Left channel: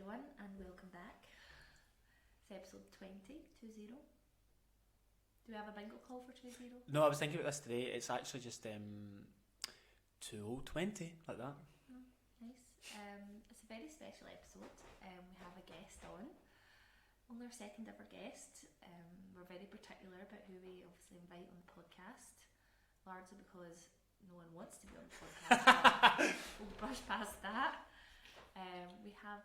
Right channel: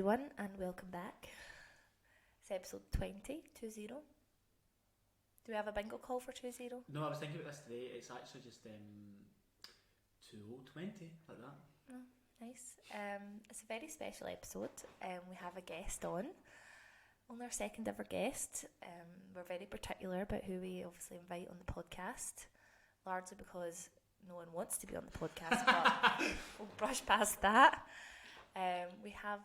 everyone, and welcome back. It's episode 20. Do we have a bingo call for 20? No, I was thinking about this today. It's actually just 2020, like that. Oh, nice. It's a very special episode. We have a guest on. Only our second ever guest. We're very particular about who we obviously invite on the podcast, largely because no one wants to be on the podcast, but we'll brush past that. We have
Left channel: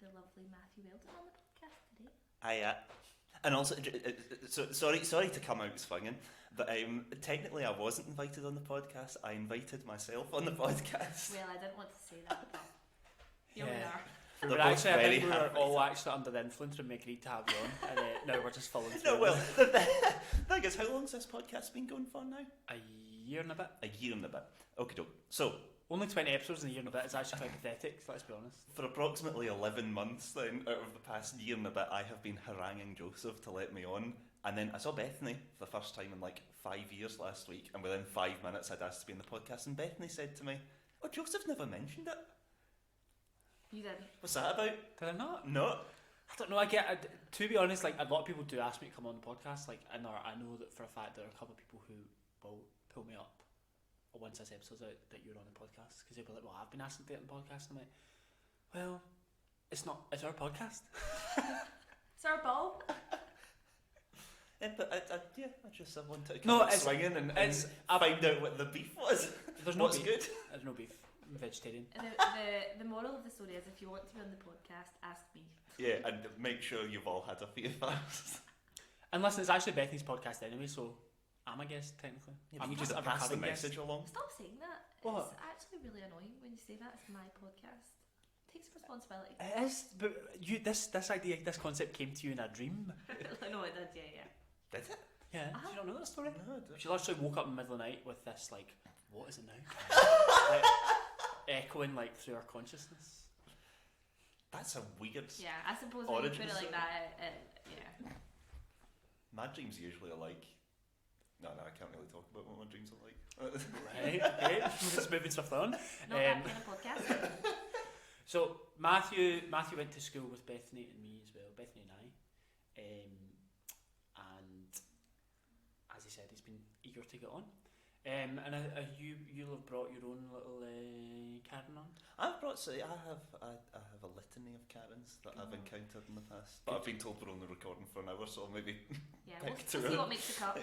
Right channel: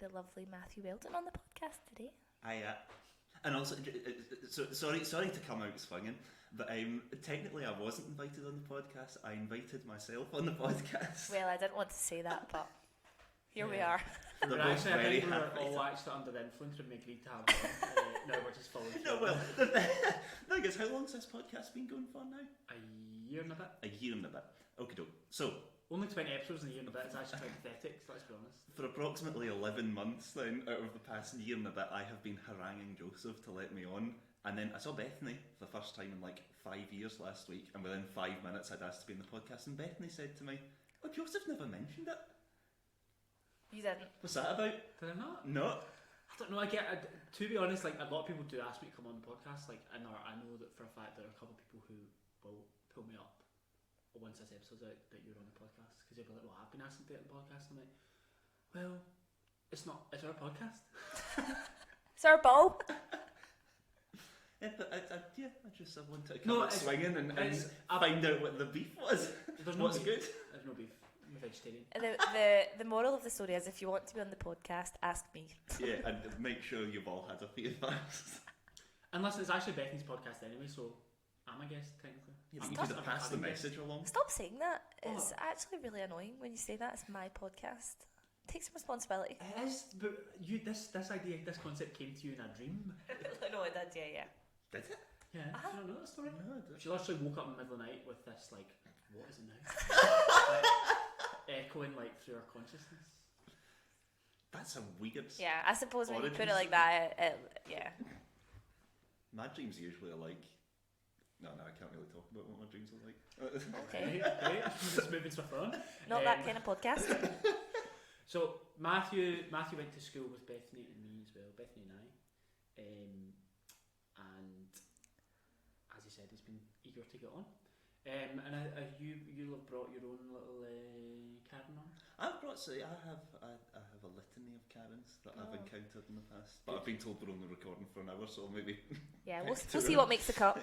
the lovely Matthew Weldon on the podcast today. Hiya. And also, sorry to come out swinging, but technically I wasn't invited on the podcast. I invited myself on the podcast. Well, I didn't want to say that, but here we are. We're actually, I think we were all actually under the influence when we agreed to have you on, and now we're just following through. No, well, the thing is, how long's this podcast been going for now? A year and a bit. A year and a bit. Okie doke. So, only 20 episodes in a year and a bit is actually quite pathetic, let's be honest. for approximately 11 months then, out of the past year and a bit, I have been haranguing Joseph to let me on. And then I saw Bethany for the first time in like 5 years last week, and within 5 minutes I'd asked to be in the podcast, and Bethany said to me, "Oh, Joseph never mentioned it." You didn't. What's that about? Did I not? No. I don't know, to be honest, like, a lot of people do ask me to come on the podcast, like, and I know that for a fact there are a couple of people who will pull me up once this episode's out that you're on the podcast, because they'll be like, well, I've been asked to do it on the podcast, and I'm like, well, it's our podcast. It's our ball. Yeah, but I wanted to No, come out it's- swinging and it's- find out what the beef was. There's no What's beef. good? There's no beef. I'm vegetarian. The moral of the story is, if you want to be on the podcast, ask me. Yeah, and make sure you've all had a few first. And listen, it's actually Bethany's podcast anyway, so I'm a guest technically. Yeah, I'm you just could a pass the recurring guest. message along. Stop saying that. What? It's actually really annoying when you say that. It's my podcast. Take some responsibility. It is, but this idea, this concept came to you in a dream. No, it did, yeah. Did it? Yeah, do you not know that story? No, She literally woke up in the middle of the night with this, like, what is it now? Like, echoing, like, through her consciousness. That's a weird... Yeah, I suppose when you put it Origins. like that, yeah. My dreams usually are like... No, I can't really talk about what my dreams are like. Okay, great. Just moving stuff on. Not that kind of podcast. So, Matthew went to school with Bethany and me as well, Bethany and I. And as he said, he's been eager to get on. And you'll have brought your own little Karen on? I have a litany of Karens that I've encountered in the past. But I've been told we're only recording for an hour, so maybe... Yeah, we'll see what makes the cut.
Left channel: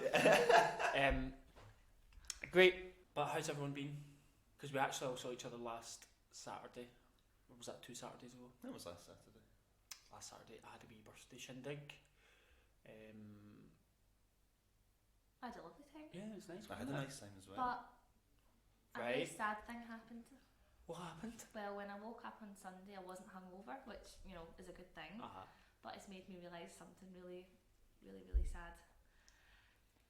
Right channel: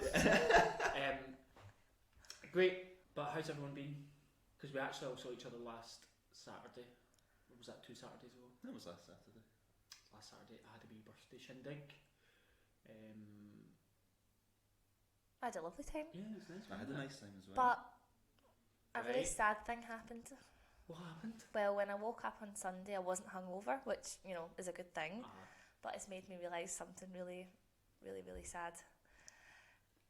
Great, but how's everyone been? Because we actually all saw each other last Saturday. Or was that 2 Saturdays ago? That was last Saturday. Last Saturday I had a wee birthday shindig. I had a lovely time. Yeah, it was nice. I had a nice time as well. But a very Right. sad thing happened. What happened? Well, when I woke up on Sunday, I wasn't hungover, which, you know, is a good thing. But it's made me realise something really, really, really sad.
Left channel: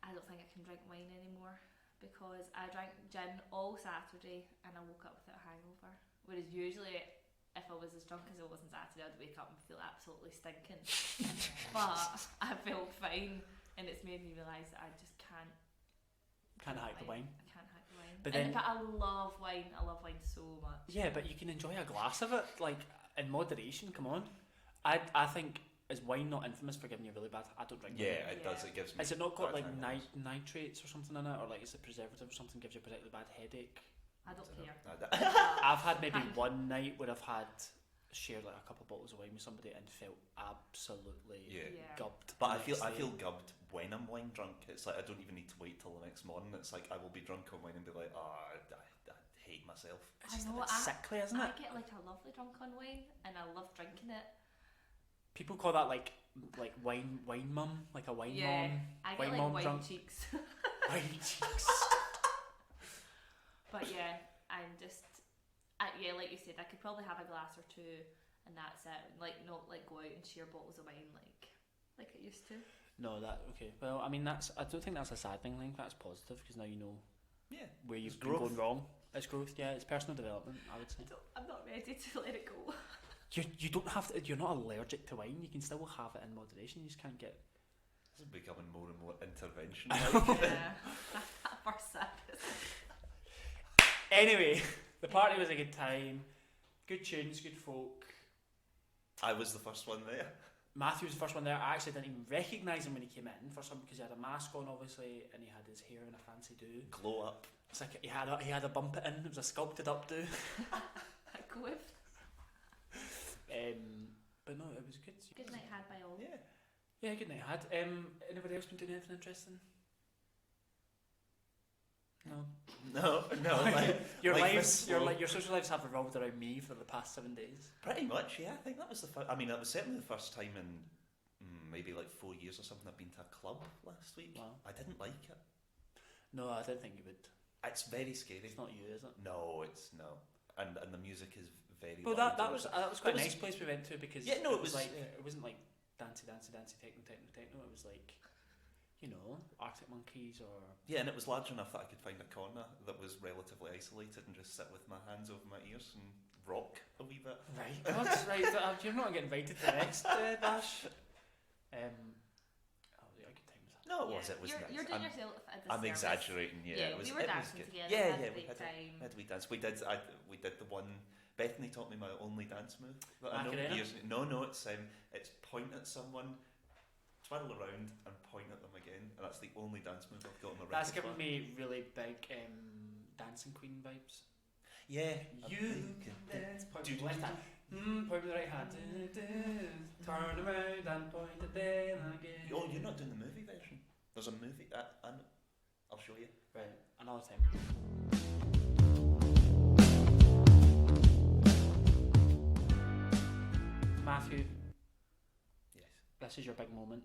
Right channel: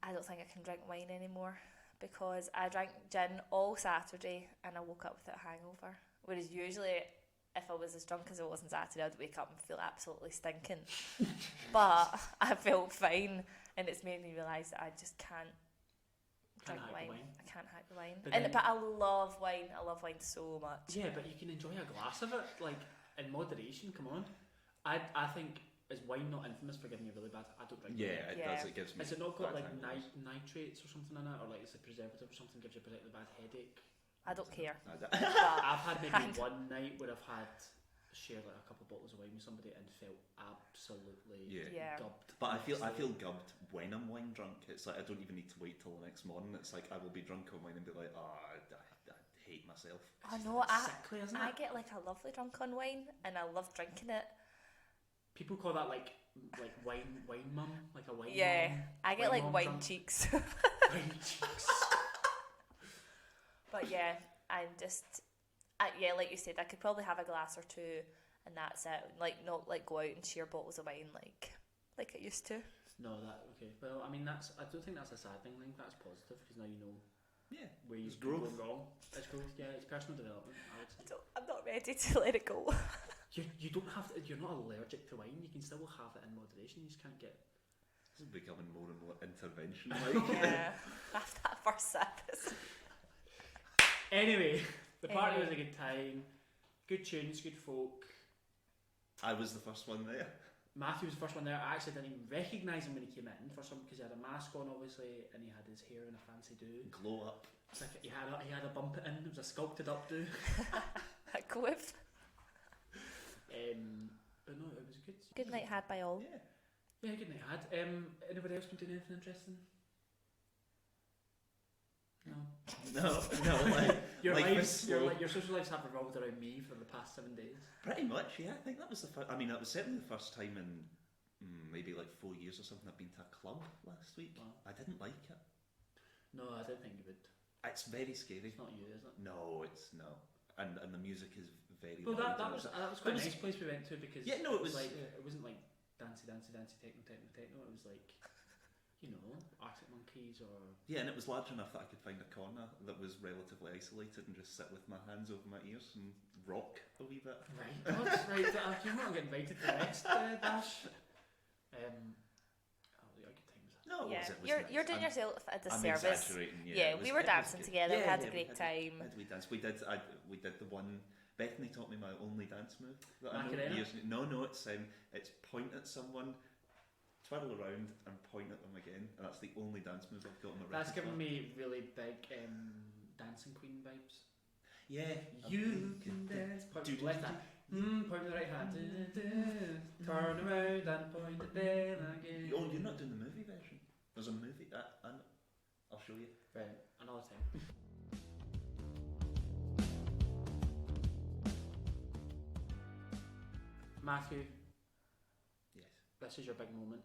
I don't think I can drink wine anymore, because I drank gin all Saturday and I woke up with a hangover. Whereas usually, if I was as drunk as I was on Saturday, I'd wake up and feel absolutely stinking. But I felt fine, and it's made me realise that I just can't drink hack the wine. I can't hack the wine. But But I then- love wine. I love wine so much. Yeah, but you can enjoy a glass of it, like, in moderation, come on. I think, is wine not infamous for giving you really bad... I don't drink Yeah, wine. it does. It gives me... Has it not got, bad like, hangovers. nitrates or something in it? Or, like, is it preservative or something gives you a particularly bad headache? I don't care. I I've had maybe one night where I've shared like a couple of bottles of wine with somebody and felt absolutely Yeah. gubbed. But I the feel next day. gubbed when I'm wine drunk. It's like I don't even need to wait till the next morning. It's like I will be drunk on wine and be like, oh, I hate myself. It's I just know, a bit sickly, isn't I it? get like a lovely drunk on wine, and I love drinking it. People call that like wine mum, like a wine Yeah, mum. I get Wine like mum wine drunk. cheeks. Wine cheeks. But yeah, I'm just, like you said, I could probably have a glass or two, and that's it. Like, not like go out and share bottles of wine like I used to. No, okay. Well, I mean, I don't think that's a sad thing. I think that's positive, because now you know Yeah. where you've It's been growth. going wrong. It's growth. Yeah, it's personal development, I would say. I'm not ready to let it go. You don't have to. You're not allergic to wine. You can still have it in moderation. You just can't get. This is becoming more and more intervention. Yeah, after that first sip. Anyway, the party was a good time. Good tunes, good folk. I was the first one there. Matthew was the first one there. I actually didn't even recognise him when he came in for some, because he had a mask on obviously, and he had his hair in a fancy do. Glow up. It's like he had a bump it in. It was a sculpted up do. A quiff. But no, it was good. Good night had by all. Yeah, good night had. Anybody else been doing anything interesting? No. Like, your life lives, your social lives have revolved around me for the past 7 days. Pretty much, yeah. I think that was the first. I mean, that was certainly the first time in maybe like 4 years or something I've been to a club last week. Wow. I didn't like it. No, I didn't think you would. It's very scary. It's not you, is it? No, it's no. And the music is very. Well, that was quite a nice place we went to, because it was like it wasn't like dancey techno. It was like, you know, Arctic Monkeys or. Yeah, and it was large enough that I could find a corner that was relatively isolated and just sit with my hands over my ears and rock a wee bit. Right, God, right. You're not getting invited to the next dash. Yeah, good times. No, it was. It was. You're doing yourself a I'm disservice. exaggerating. Yeah, we were dancing together. Yeah, had a great time. We dance. We did the one. Bethany taught me my only dance move. That I know Macarena? No, it's point at someone, twirl around, and point at them again, and that's the only dance move I've got on my repertoire. That's giving me really big Dancing Queen vibes. Yeah, you can dance. Point with the left hand. Point with the right hand. Turn around and point it then again. Oh, you're not doing the movie version. There's a movie, and I'll show you. Right, another time. Matthew. Yes. This is your big moment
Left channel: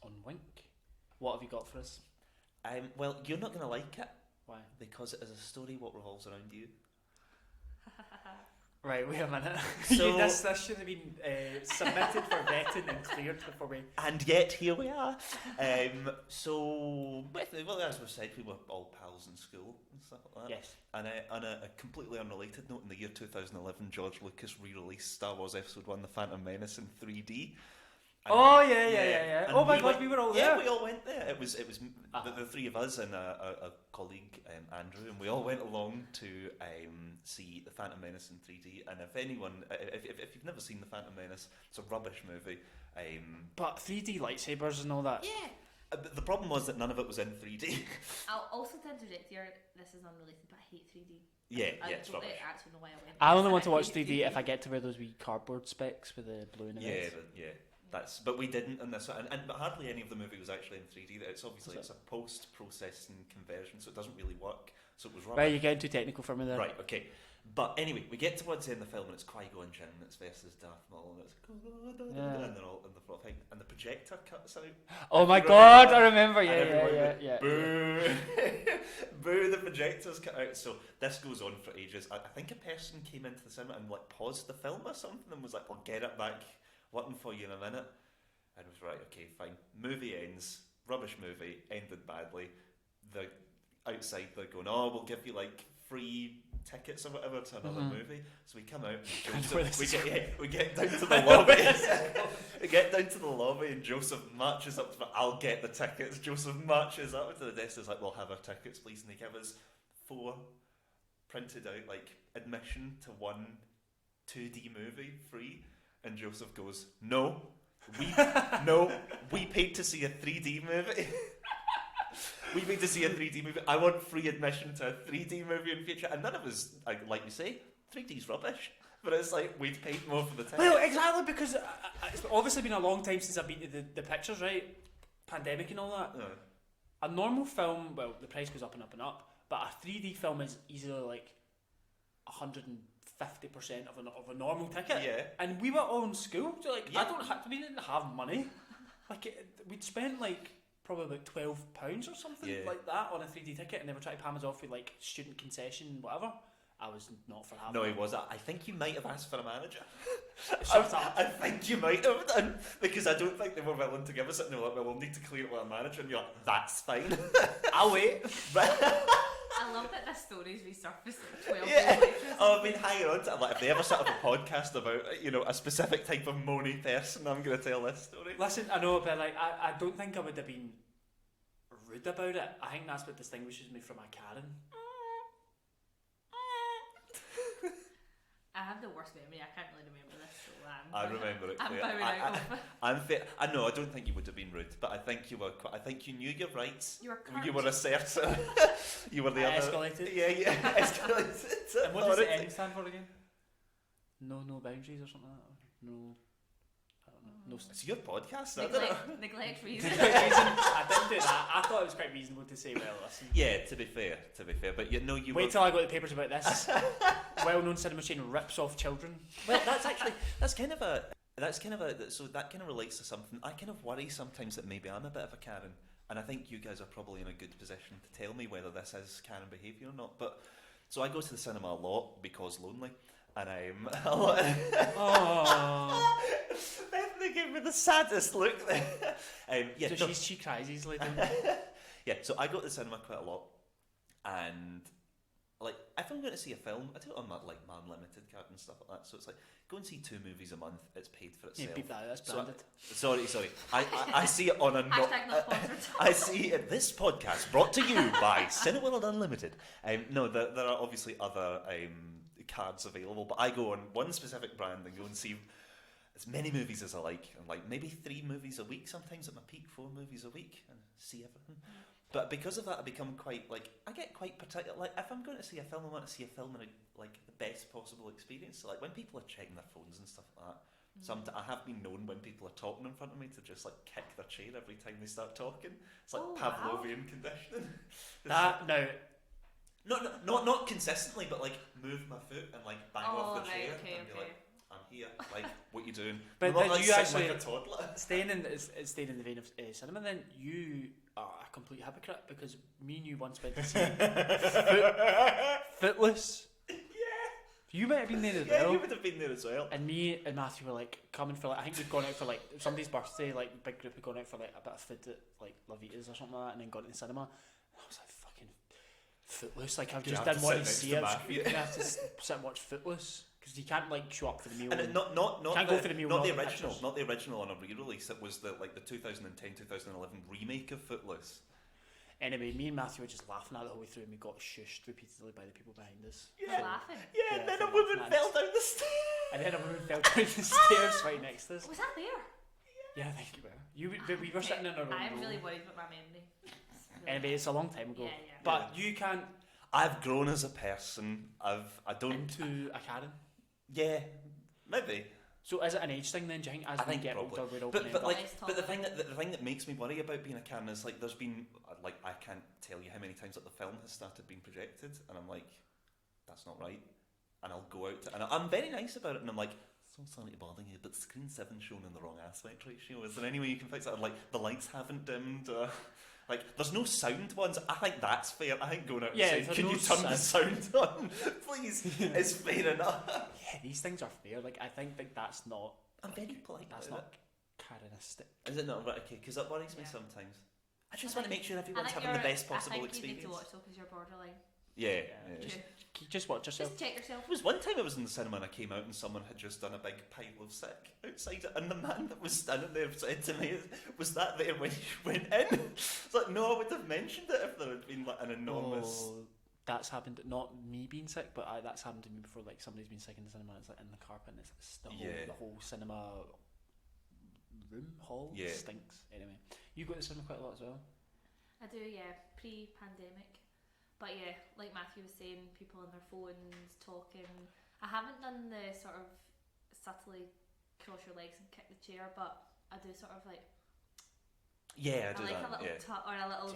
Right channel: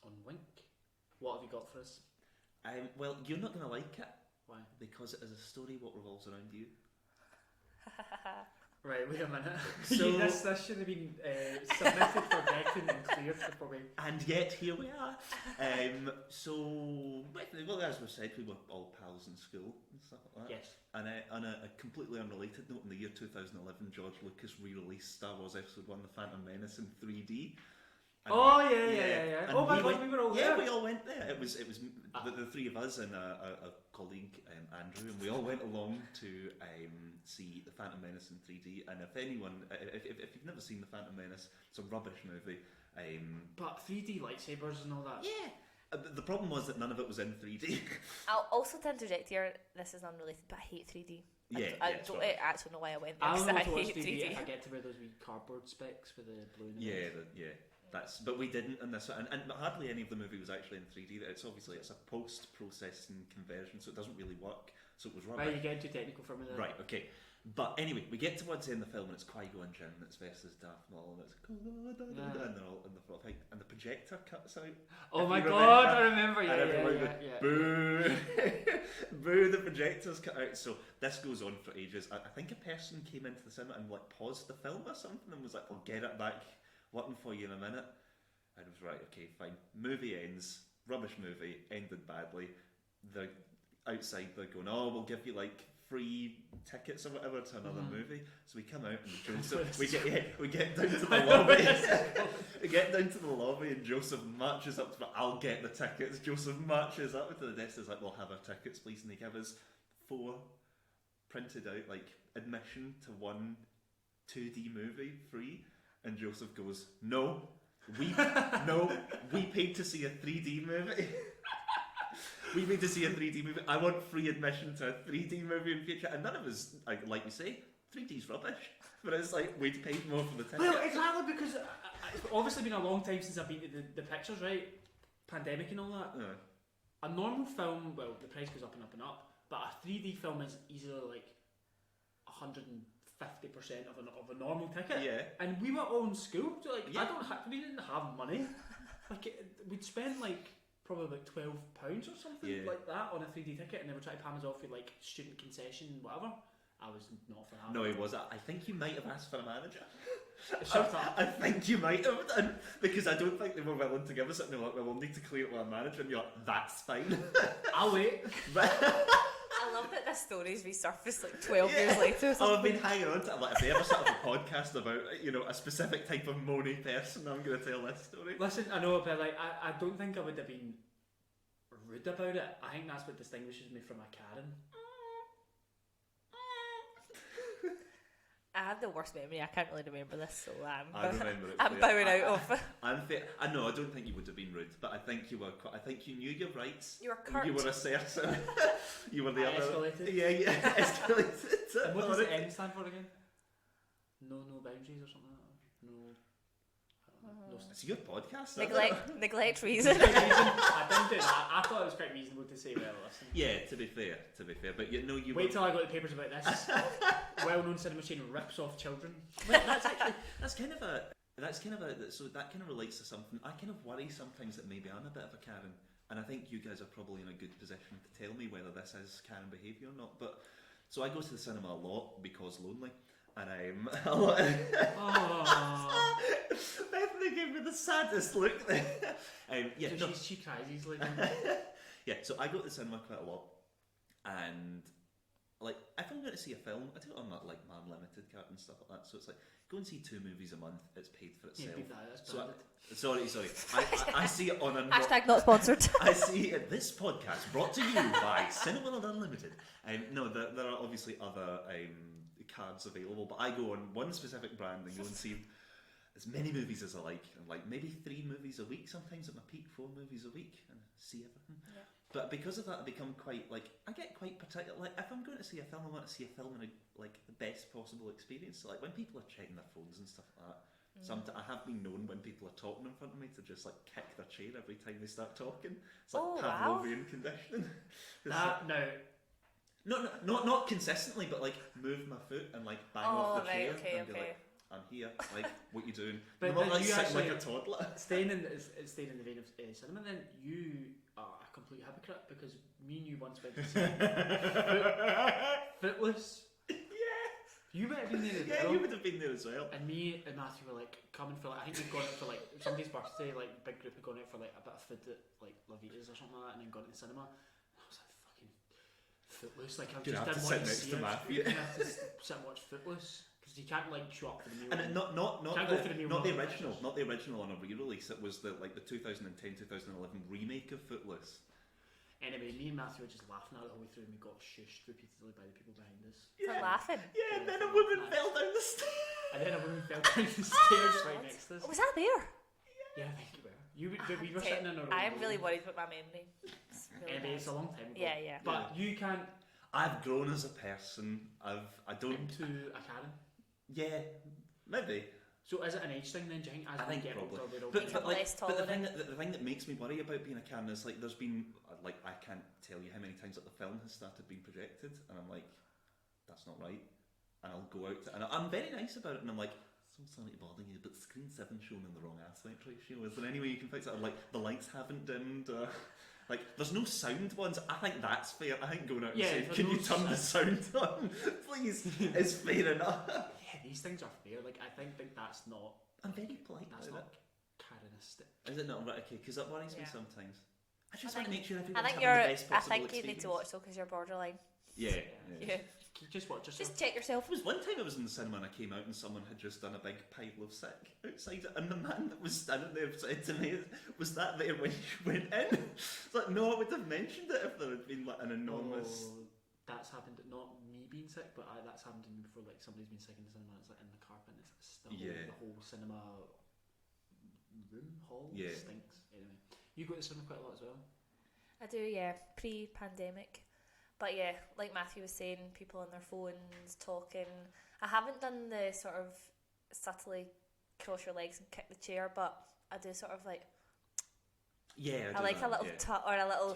on Wink. What have you got for us? Well, you're not going to like it. Why? Because it is a story what revolves around you. Right, wait a minute. So this should have been submitted for vetting and cleared before we. And yet here we are. Well, as we've said, we were all pals in school and stuff like that. Yes. And on a completely unrelated note, in the year 2011, George Lucas re-released Star Wars Episode 1: The Phantom Menace in 3D. And Yeah. Oh my God, we were all there. there. Yeah, we all went there. It was the three of us and a colleague, Andrew, and we all went along to see The Phantom Menace in 3D. And if you've never seen The Phantom Menace, it's a rubbish movie. But 3D lightsabers and all that. Yeah. But the problem was that none of it was in 3D. I'll also to interject here, this is unrelated, but I hate 3D. I don't actually know why I went I there, only so want to watch hate 3D if I get to wear those wee cardboard specs with the blue in the Yeah. But we didn't in this, and hardly any of the movie was actually in 3D. It's obviously it's a post-processing conversion, so it doesn't really work. So it was rubbish. Right, you're getting too technical for me there. Right, okay. But anyway, we get towards the end of the film, and it's Qui-Gon Jinn, and it's versus Darth Maul, and it's and they're all in the front thing, and the projector cuts out. Oh my God, I remember. Yeah. Boo! Boo! The projector's cut out. So this goes on for ages. I think a person came into the cinema and like paused the film or something and was like, "I'll get it back. Working for you in a minute." And it was right. Okay, fine. Movie ends. Rubbish movie. Ended badly. The outside they're going, "Oh, we'll give you like free tickets or whatever to another movie." So we come out and we get down to the lobby. We get down to the lobby and Joseph marches up to me. "I'll get the tickets." Joseph marches up to the desk. He's like, "We'll have our tickets, please." And they give us 4 printed out, like admission to one 2D movie free. And Joseph goes, "No, we paid to see a 3D movie." We paid to see a 3D movie. I want free admission to a 3D movie in future. And none of us, like you say, 3D's rubbish. But it's like, we'd paid more for the ticket. Well, exactly, because it's obviously been a long time since I've been to the pictures, right? Pandemic and all that. Yeah. A normal film, well, the price goes up and up and up, but a 3D film is easily like 150% of a normal ticket. Yeah. And we were all in school, so like, Yeah. we didn't have money. Like, we'd spent like probably like £12 or something like that on a 3D ticket, and they were trying to palm us off with like student concession, whatever. I was not for having. No, he was. I think you might have asked for a manager. Shut up. I think you might have done, because I don't think they were willing to give us it. And they were like, "Well, we'll need to clear it with a manager," and you're like, "That's fine." I'll wait. I love that this story's resurfaced like 12 years later. Oh, I've been hanging on to it. Like, if they ever set up a podcast about, a specific type of moany person, I'm going to tell this story. Listen, I know, but like, I don't think I would have been rude about it. I think that's what distinguishes me from a Karen. I have the worst memory. I can't really remember this, so I remember it. I'm bowing out of. I know. I don't think you would have been rude, but I think you were. I think you knew your rights. You were curt. You were assertive. You were the other. Escalated. Yeah, escalated. And what does the N stand for again? No boundaries or something like that. No. No. It's your podcast. Neglect reason. I didn't do that. I thought it was quite reasonable to say, well, listen. Yeah, to be fair, but you know you. Wait till I got the papers about this. Well-known cinema chain rips off children. Well, that's kind of so that kind of relates to something. I kind of worry sometimes that maybe I'm a bit of a Karen, and I think you guys are probably in a good position to tell me whether this is Karen behaviour or not. But so I go to the cinema a lot because lonely. And Bethany gave me the saddest look there. Yeah, so she cries easily. Yeah, so I go to the cinema quite a lot, and like if I'm going to see a film, I do it on that like Man Limited card and stuff like that. So it's like go and see 2 movies a month. It's paid for itself. Yeah, beat that out. That's branded. Sorry. I see it on a Hashtag not sponsored. I see this podcast brought to you by Cineworld Unlimited. No, there are obviously other cards available, but I go on one specific brand and go and see as many movies as I like, and like maybe 3 movies a week, sometimes at my peak 4 movies a week, and see everything. Yeah. But because of that, I become quite like I get quite particular. Like if I'm going to see a film, I want to see a film in like the best possible experience. So, like when people are checking their phones and stuff like that. I have been known when people are talking in front of me to just like kick their chair every time they start talking. It's like Pavlovian conditioning. Not consistently, but like move my foot and like bang off the chair and be like, I'm here. Like, what you doing? But not like you actually like a toddler. Staying in the vein of cinema, then you are a complete hypocrite because me and you once went to see Footloose. Yeah. You might have been there as well. Yeah, you would have been there as well. And me and Matthew were like coming for like I think we'd gone out for like somebody's birthday, like big group had gone out for like a bit of food at like La Vita's or something like that, and then gone to the cinema. And I was like fucking Footloose, like I just didn't want to see it. You have to sit and watch Footloose because you can't like show up for the meal. And not go for the meal. Not the original on a re-release. It was the 2010-2011 remake of Footloose. Anyway, me and Matthew were just laughing at it the whole way through, and we got shushed repeatedly by the people behind us. Yeah, laughing. Yeah, and then a woman fell down the stairs. Right next to us. Was that there? Yeah, I think you were. We were sitting in our own I'm room. really worried about my memory. Anyway, it's a long time ago. Yeah. But you can't. I've grown as a person. I don't. Into a Karen. Yeah, maybe. So is it an age thing then? Do you think as we get older we're all but the thing that makes me worry about being a Karen is like there's been like I can't tell you how many times that the film has started being projected and I'm like that's not right, and I'll go out and I'm very nice about it and I'm like so sorry to bother you, but screen 7 shown in the wrong aspect ratio. Is there any way you can fix that? Like the lights haven't dimmed. Like, there's no sound ones. I think that's fair. I think going out and saying, can you turn the sound on, please, is fair enough. Yeah, these things are fair. Like, I think that's not... I'm very polite. That's not Karenistic. Is it not? Right, okay, because that worries me sometimes. I just want to make sure having everyone's the best possible experience. I think you need to watch though, because you're borderline. Yeah. You just watch yourself. Just check yourself. There was one time I was in the cinema and I came out and someone had just done a big pile of sick outside it, and the man that was standing there said to me, was that there when you went in? It's like, no, I would have mentioned it if there had been like an enormous... That's happened, not me being sick, but that's happened to me before. Like somebody's been sick in the cinema, it's like in the carpet and it's the whole cinema hall stinks. Anyway, you go to the cinema quite a lot as well? I do, yeah, pre-pandemic. But yeah, like Matthew was saying, people on their phones, talking. I haven't done the sort of subtly cross your legs and kick the chair, but I do sort of like... Yeah, I like that, a little tut or a little...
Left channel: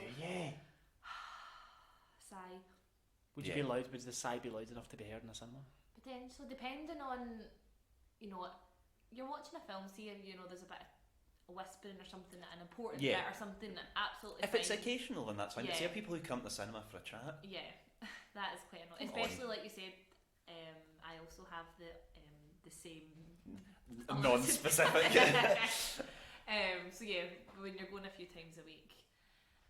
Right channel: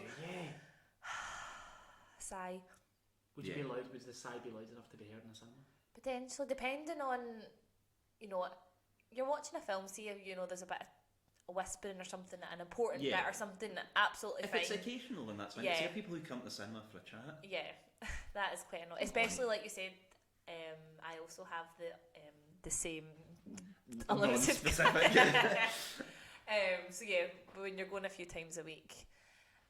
sigh. Would you be loud? Would the sigh be loud enough to be heard in the cinema? Potentially, depending on, you're watching a film, see if, there's a bit of whispering or something, an important bit or something, absolutely if fine. it's occasional, then that's fine. Yeah. See people who come to the cinema for a chat. Yeah, that is quite annoying. Especially like you said, I also have the same non-specific. So yeah, when you're going a few times a week,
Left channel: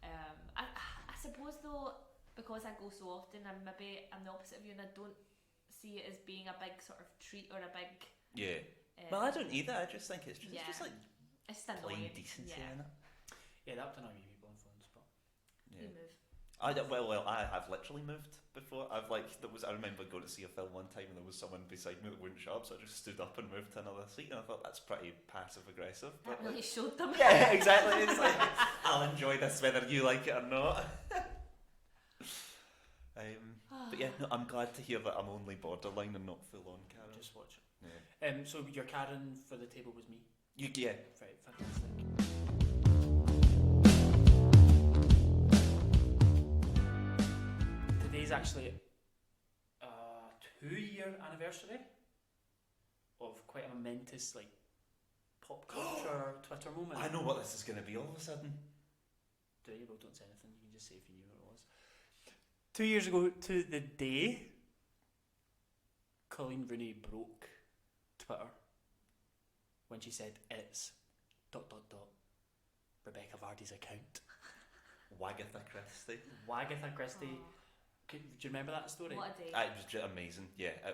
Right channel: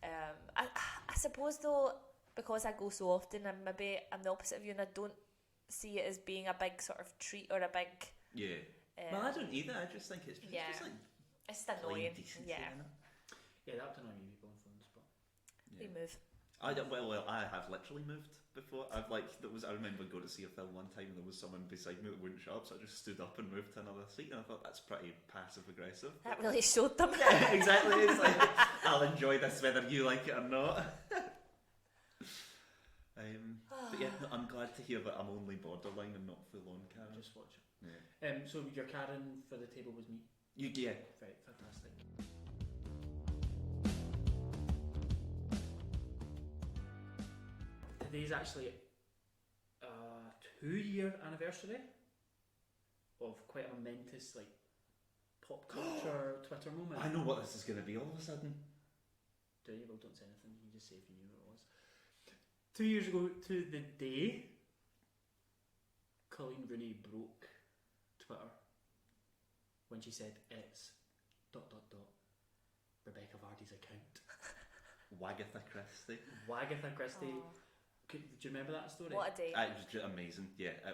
I suppose though, because I go so often, I'm the opposite of you, and I don't see it as being a big sort of treat or a big. Yeah. Well, I don't either. I just think it's just like. It's just annoying. Decency, yeah, that would annoy me people on phones, but we move. I have literally moved before. I remember going to see a film one time and there was someone beside me that wouldn't shut up, so I just stood up and moved to another seat, and I thought that's pretty passive aggressive. That really showed them. Yeah, exactly. It's like, I'll enjoy this whether you like it or not. But yeah, no, I'm glad to hear that I'm only borderline and not full on Karen. Just watch it. Yeah. So your Karen for the table was me. Yeah. Right, fantastic. Today's actually a 2-year anniversary of quite a momentous pop culture Twitter moment. I know what this is going to be all of a sudden. Do you? Well, don't say anything. You can just say if you knew what it was. 2 years ago to the day, Colleen Rooney broke Twitter when she said it's ... Rebecca Vardy's account. Wagatha Christie. Do you remember that story? What a day. It was just amazing. Yeah, I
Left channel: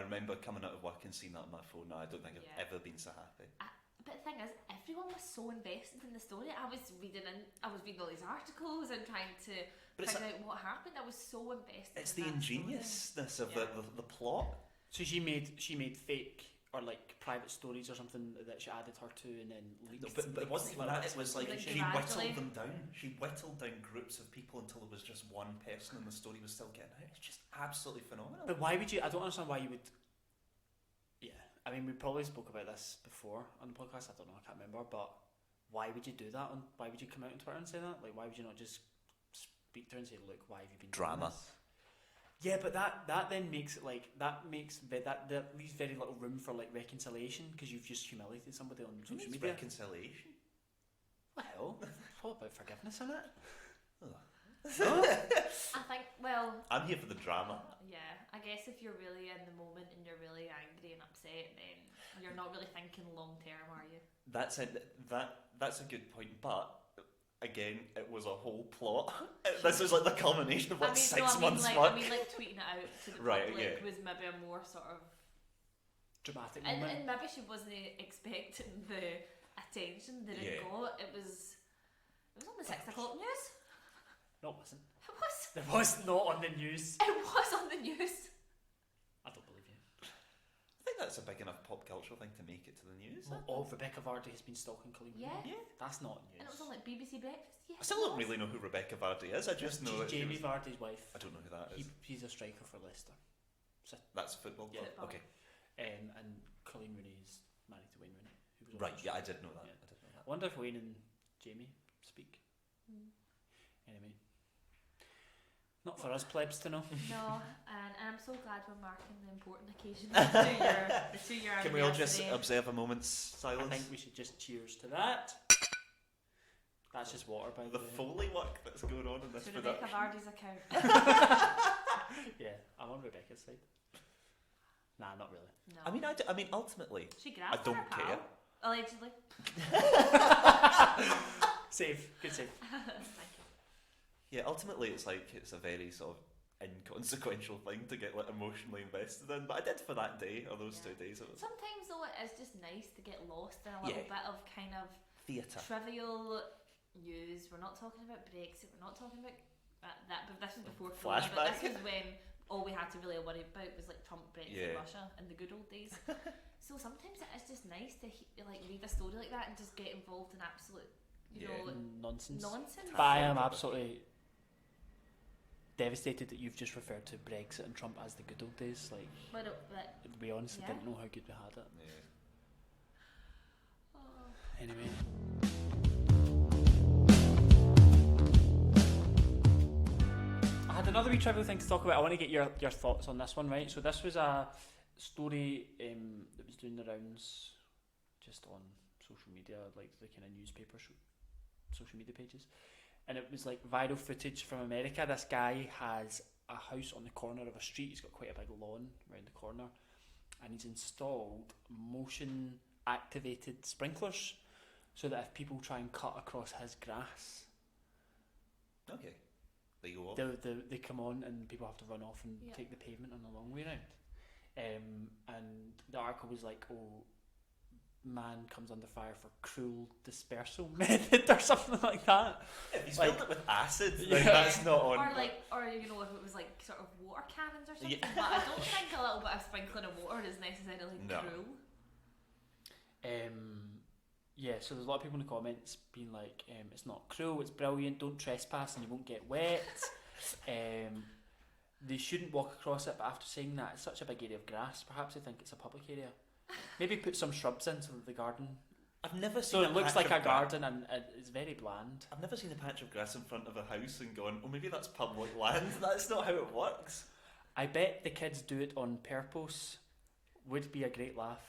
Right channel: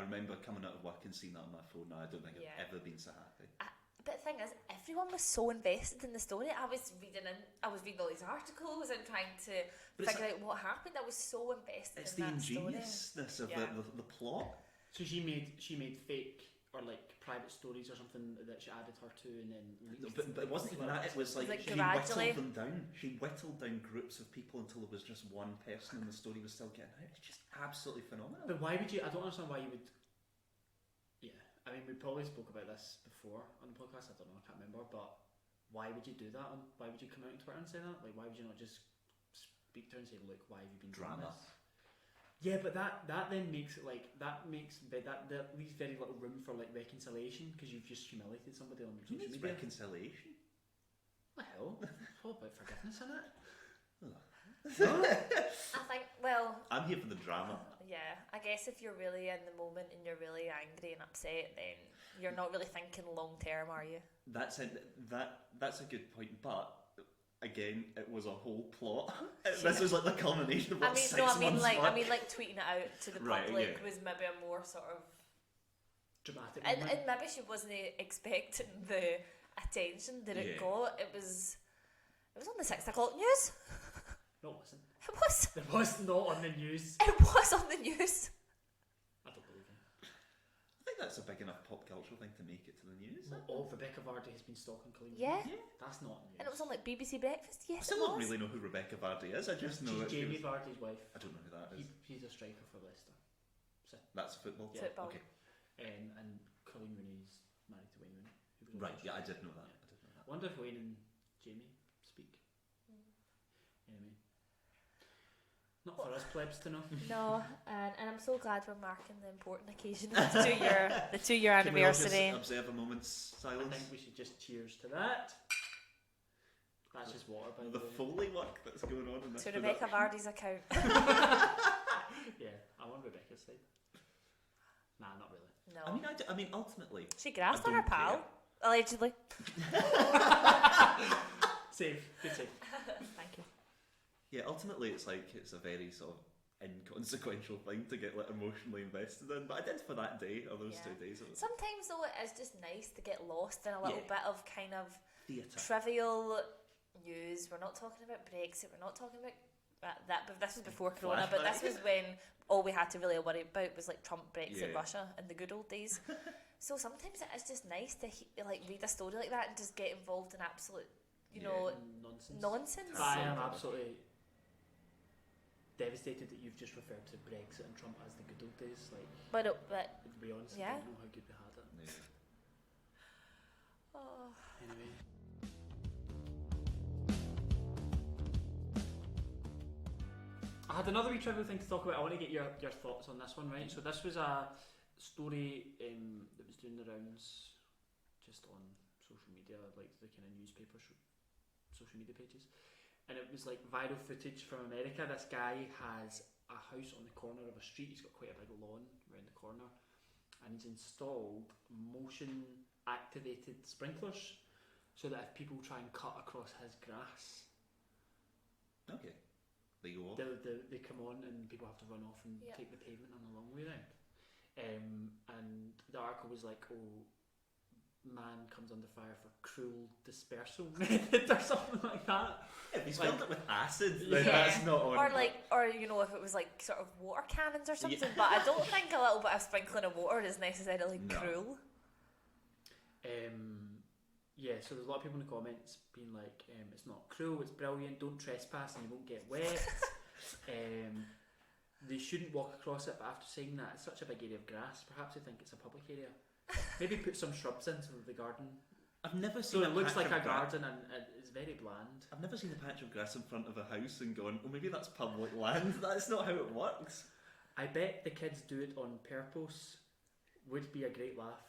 remember coming out of work and seeing that on my phone. Now I don't think I've ever been so happy. But the thing is, everyone was so invested in the story. I was reading all these articles and trying to figure out what happened. I was so invested. It's in the that ingeniousness of the plot. So she made fake or private stories or something that she added her to and then leaked. But it wasn't even that. It was like she gradually whittled them down. She whittled down groups of people until it was just one person and the story was still getting out. It's just absolutely phenomenal. But why would you? I don't understand why you would. Yeah, I mean, we probably spoke about this before on the podcast. I don't know, I can't remember. But why would you do that? Why would you come out on Twitter and say that? Why would you not just speak to her and say, "Look, why have you been drama?" Doing this? Yeah, but that then makes it that leaves very little room for reconciliation because you've just humiliated somebody on social media. Reconciliation? Well, it's all about forgiveness, isn't it? I think. Well, I'm here for the drama. Yeah, I guess if you're really in the moment and you're really angry and upset, then you're not really thinking long term, are you? That's a good point, but. Again, it was a whole plot. This was the culmination of 6 months. I mean, tweeting it out to the right, public was maybe a more sort of dramatic and moment. And maybe she wasn't expecting the attention that it got. It was on the 6 o'clock news. No, it wasn't. It was. It was not on the news. It was on the news. I don't believe you. I think that's a big enough pop cultural thing to make it to the news. Rebecca Vardy has been stalking Colleen. Yeah. That's not news. And it was on BBC Breakfast. Yes. I still don't really know who Rebecca Vardy is. I just know she's Jamie Vardy's wife. I don't know who that is. He's a striker for Leicester. So, that's football. Yeah. Football. Okay. And Colleen Rooney is married to Wayne Rooney. Who was right. Yeah, I did know that. Yeah. I wonder if Wayne and Jamie speak. Anyway. Not for us plebs to know. No, and I'm so glad we're marking the important occasion of the 2 year Can we all just anniversary. observe a moment's silence? I think we should just cheers to that. That's just water, by the way. The Foley work that's going on in this To Rebecca production. Vardy's account. Yeah, I'm on Rebecca's side. Nah, not really. No. I mean, ultimately, She grasped I her don't pal. care. Allegedly. Save. Good save. Thank you. Yeah, ultimately, it's a very sort of inconsequential thing to get emotionally invested in. But I did for that day or those 2 days. It was Sometimes though it is just nice to get lost in a little bit of kind of theatre. trivial news. We're not talking about Brexit. We're not talking about that. But this was before Corona. But this was when all we had to really worry about was Trump, Brexit, Russia, in the good old days. So sometimes it is just nice to read a story like that and just get involved in absolute, nonsense. Nonsense. I am absolutely devastated that you've just referred to Brexit and Trump as the good old days. But we honestly don't know how good we had it. Yeah. Anyway. I had another wee trivial thing to talk about. I want to get your thoughts on this one, right? So this was a story that was doing the rounds just on social media, the kind of newspaper social media pages. And it was viral footage from America. This guy has a house on the corner of a street. He's got quite a big lawn around the corner. And he's installed motion activated sprinklers so that if people try and cut across his grass, Okay. They go off. they come on and people have to run off and take the pavement on the long way round. And the article was man comes under fire for cruel dispersal method or something like that. If he's filled it with acid, Yeah. then that's not on. Or you know, if it was like sort of water cannons or something. But I don't think a little bit of sprinkling of water is necessarily cruel. Yeah, so there's a lot of people in the comments being like, it's not cruel, it's brilliant, don't trespass and you won't get wet. They shouldn't walk across it, but after saying that, it's such a big area of grass, perhaps they think it's a public area. Maybe put some shrubs in so that the garden... I've never So seen it looks like a garden and it's very bland. I've never seen a patch of grass in front of a house and gone, oh, maybe that's public land. That's not how it works. I bet the kids do it on purpose. Would be a great laugh.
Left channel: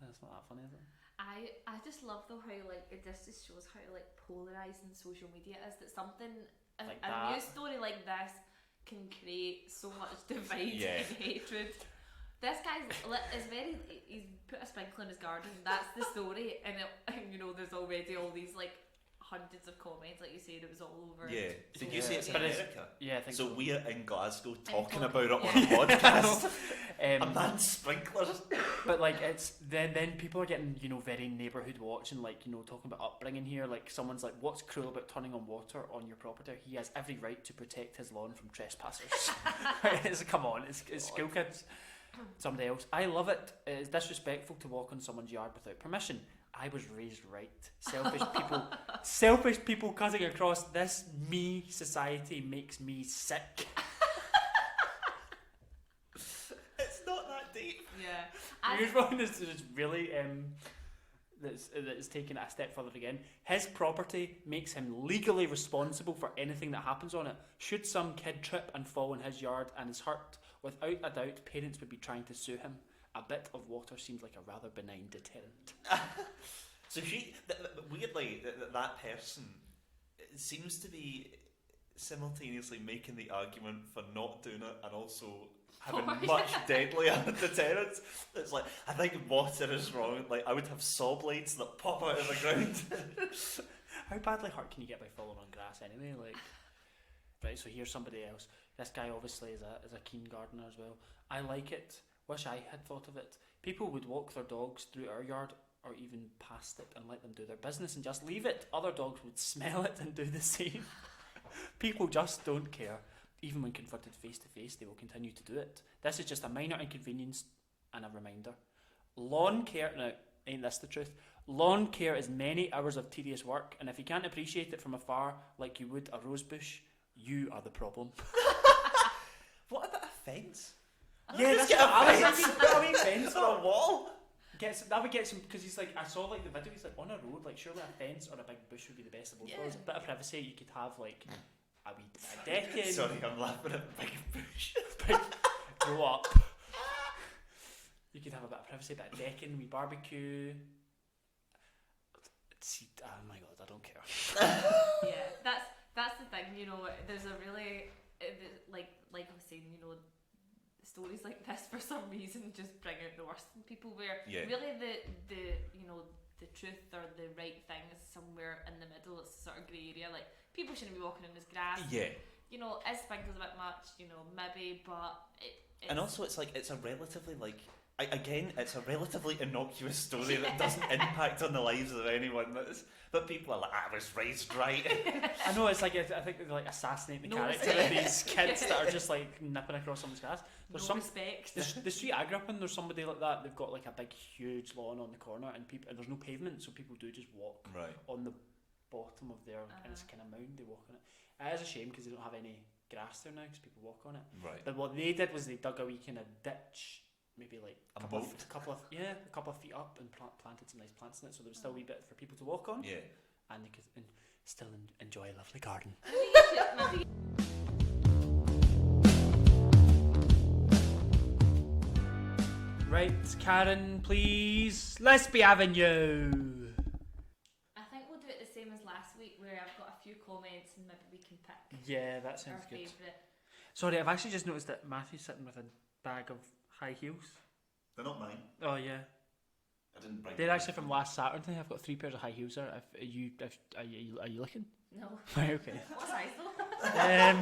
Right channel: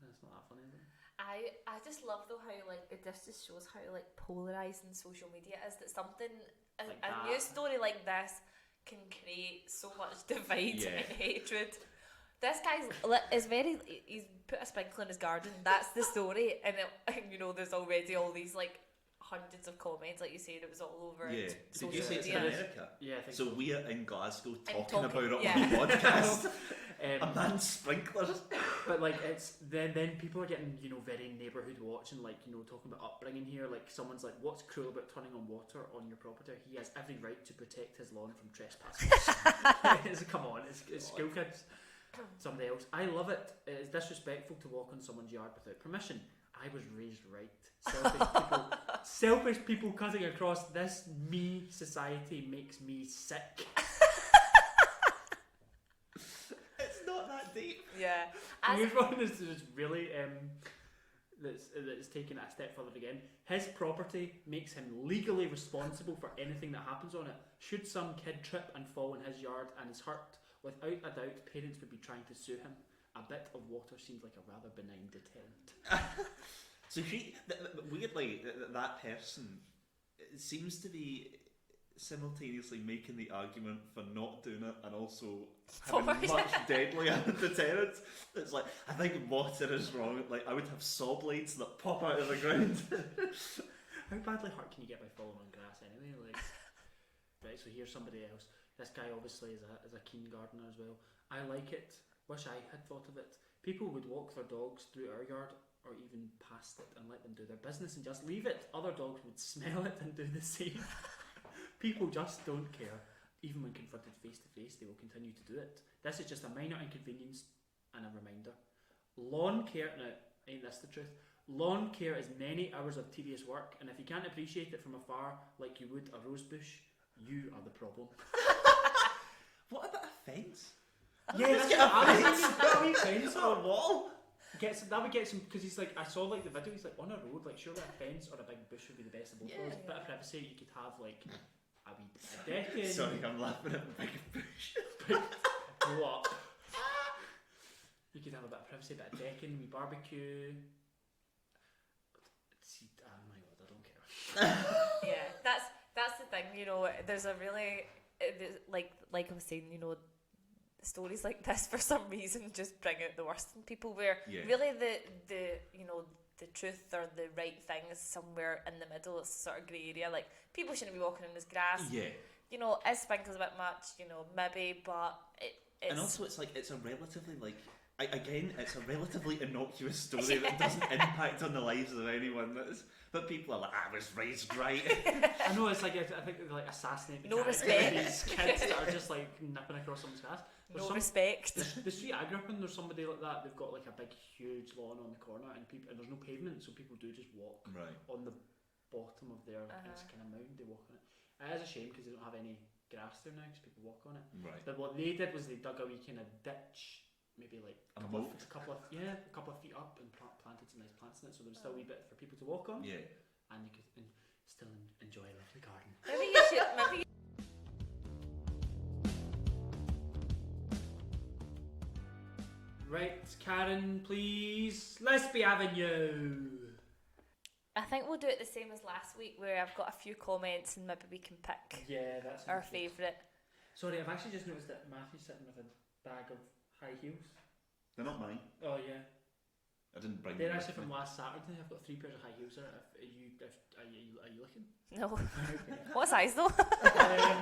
That's not that funny, is it? I just love though how like this just shows how like polarising social media is, that something Like a that. news story like this can create so much divide and hatred. This guy's is very, he's put a sprinkler in his garden, that's the story, and you know there's already all these like hundreds of comments, like you said, it was all over. Yeah. Did you say it's in America? Yeah, I think so. We're in Glasgow talking talking- about it yeah. on the podcast. A Um, man's sprinklers. but like it's then people are getting, you know, very neighbourhood watch and like, you know, talking about upbringing here. Like someone's like, what's cruel about turning on water on your property? He has every right to protect his lawn from trespassers. Come on, it's school kids. Somebody else. I love it. It's disrespectful to walk on someone's yard without permission. I was raised right. Selfish people cutting across this me society makes me sick. It's not that deep. Yeah. Here's one that's really that's taken it a step further again. His property makes him legally responsible for anything that happens on it. Should some kid trip and fall in his yard and is hurt, without a doubt, parents would be trying to sue him. A bit of water seems like a rather benign deterrent. So weirdly, that person seems to be simultaneously making the argument for not doing it and also having much deadlier deterrents. It's like, I think water is wrong. Like, I would have saw blades that pop out of the ground. How badly hurt can you get by falling on grass anyway? Like, right, so here's somebody else. This guy obviously is a keen gardener as well. I like it. Wish I had thought of it. People would walk their dogs through our yard or even past it and let them do their business and just leave it. Other dogs would smell it and do the same. People just don't care. Even when confronted face to face, they will continue to do it. This is just a minor inconvenience and a reminder. Lawn care, now, ain't this the truth? Lawn care is many hours of tedious work, and if you can't appreciate it from afar like you would a rose bush, you are the problem. What about a fence? Yeah, Let's that's get what I was a fence. thinking. Put a wee fence on a wall. that would get some, because he's like, I saw like the video, he's like on a road, like surely a fence or a big bush would be the best of both worlds. Bit of privacy, you could have like a decade. Sorry, I'm laughing at the big bush. Grow up. You could have a bit of privacy, a bit of decking, we barbecue. See, oh my god, I don't care. Yeah, that's the thing, you know, there's a really, like I was saying, you know, stories like this for some reason just bring out the worst in people, where really the you know, the truth or the right thing is somewhere in the middle. It's a sort of grey area, like people shouldn't be walking in this grass. You know, is sprinkles a bit much, you know, maybe, but it's... And also it's like, it's a relatively like, again, it's a relatively innocuous story that doesn't impact on the lives of anyone. But people are like, I was raised right. I know, it's like, I think they're like assassinating the No character respect. of these kids that are just like nipping across someone's grass. There's no respect. The street I grew up in, there's somebody like that. They've got like a big, huge lawn on the corner, and there's no pavement, so people do just walk on the bottom of their and it's kind of mound. They walk on it. It is a shame because they don't have any grass there now because people walk on it. Right. But what they did was they dug a wee kind of ditch, maybe like a couple of feet up, and planted some nice plants in it, so there's still a wee bit for people to walk on. Yeah. And they could still enjoy a lovely garden. Maybe Right, Karen, please. Let's be having you. I think we'll do it the same as last week, where I've got a few comments and maybe we can pick Yeah, that's our favourite. Sorry, I've actually just noticed that Matthew's sitting with a bag of high heels. They're not mine. Oh yeah, I didn't bring they're them. actually from last Saturday. I've got 3 pairs of high heels there. Are you looking? No. Okay. What size though? Let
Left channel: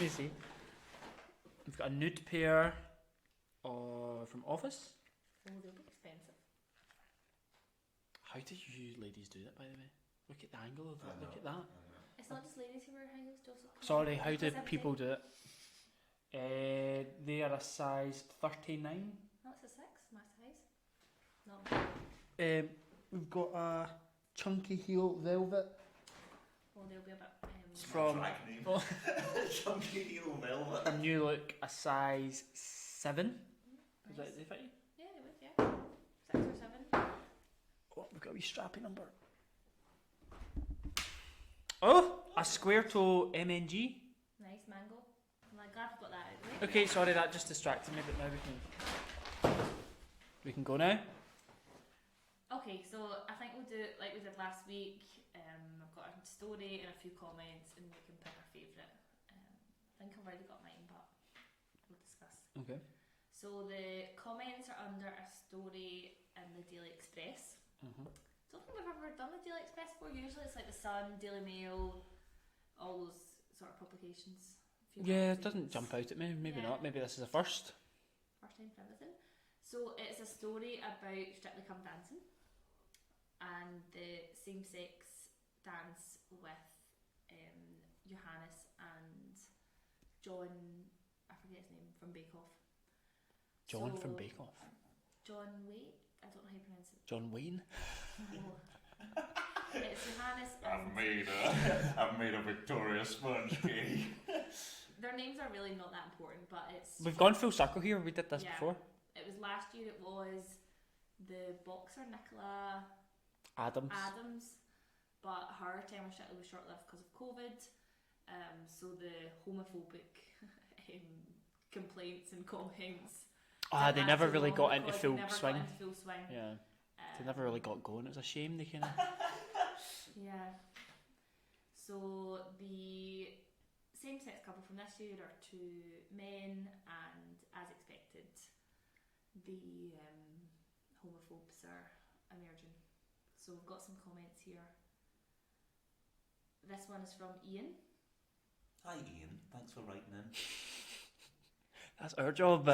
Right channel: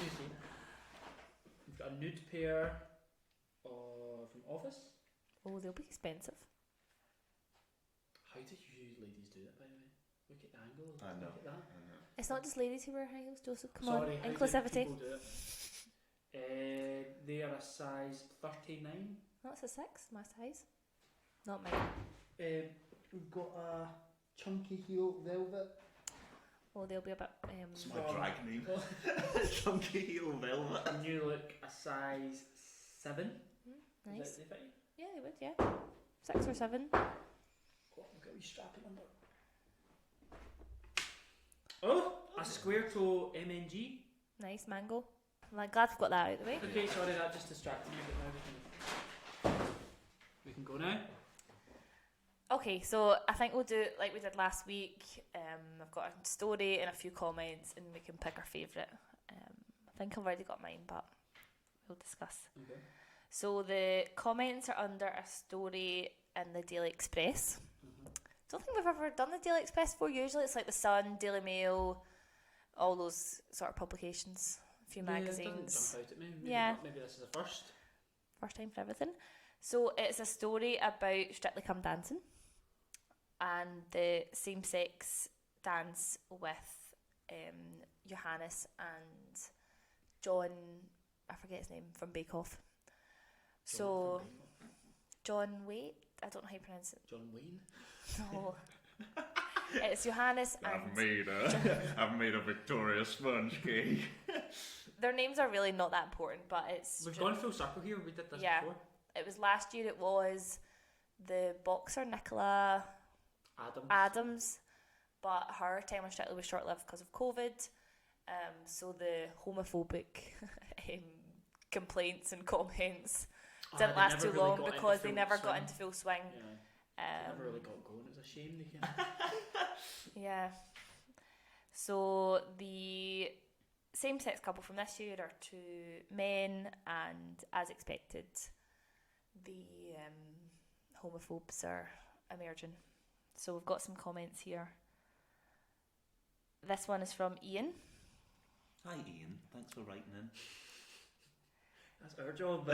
me see. We've got a nude pair from Office. Oh, they'll be expensive. How do you ladies do that, by the way? Look at the angle of that. Look at that. It's not just ladies who wear high heels, Joseph. Come Sorry, on. how do Inclusivity. people do it? They are a size 39. That's a 6, my size. Not mine. We've got a chunky heel velvet. Well, they'll be a bit. It's from drag name. Chunky heel velvet. And you look a size 7. Nice. Is that fit you? Yeah, they would, yeah. 6 or 7. Oh, we've got a wee strappy number. Oh, a square toe MNG. Nice mango. Well, I'm glad we've got that out of the way. Okay, sorry, that just distracted me, but now we can go now. Okay, so I think we'll do it like we did last week. I've got a story and a few comments, and we can pick our favourite. I think I've already got mine, but we'll discuss. Okay. So the comments are under a story in the Daily Express. Don't think we've ever done the Daily Express before. Usually it's like the Sun, Daily Mail, all those sort of publications. A few magazines. It doesn't jump out at me. Maybe Yeah. not. Maybe this is a first. First time for everything. So it's a story about Strictly Come Dancing and the same-sex dance with Johannes and John, I forget his name, from Bake Off. John from Bake Off. John Waite? I don't know how you pronounce it. John Wayne? No. It's Johannes and... I've made a Victoria sponge cake. Their names are really not that important, but it's... We've gone full circle here. We did this Yeah. before. It was last year. It was the boxer Nicola Adams, but her time on Strictly was short-lived because of COVID. So the homophobic complaints and comments didn't They last never too really long got into because full they never swing. got into full swing. Yeah. They never really got going. It was a shame. They kind of. Yeah. So the same-sex couple from this year are 2 men, and as expected, the homophobes are emerging. So we've got some comments here. This one is from Ian. Hi Ian, thanks for writing in. That's our job.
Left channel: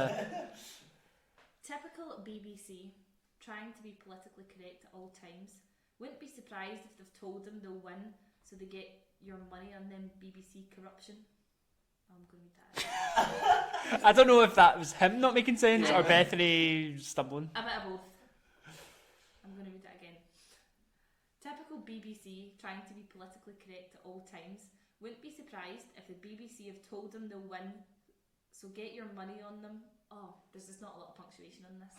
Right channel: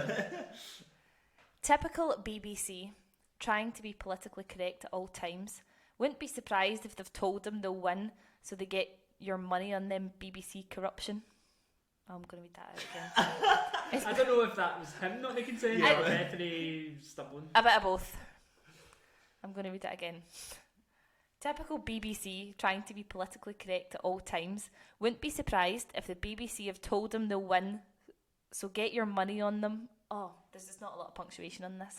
Typical BBC, trying to be politically correct at all times. Wouldn't be surprised if they've told them they'll win, so they get your money on them BBC corruption. Oh, I'm going to read that out. I don't know if that was him not making sense or Bethany stumbling. A bit of both. I'm going to read it again. Typical BBC, trying to be politically correct at all times. Wouldn't be surprised if the BBC have told them they'll win, so get your money on them. Oh, there's just not a lot of punctuation on this.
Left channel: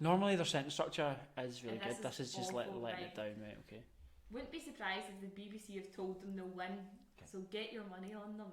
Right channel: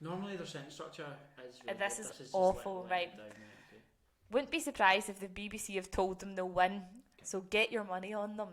Normally their sentence structure is really this good. is This is awful, just letting right. it down, right? Okay. Wouldn't be surprised if the BBC have told them they'll win, so get your money on them.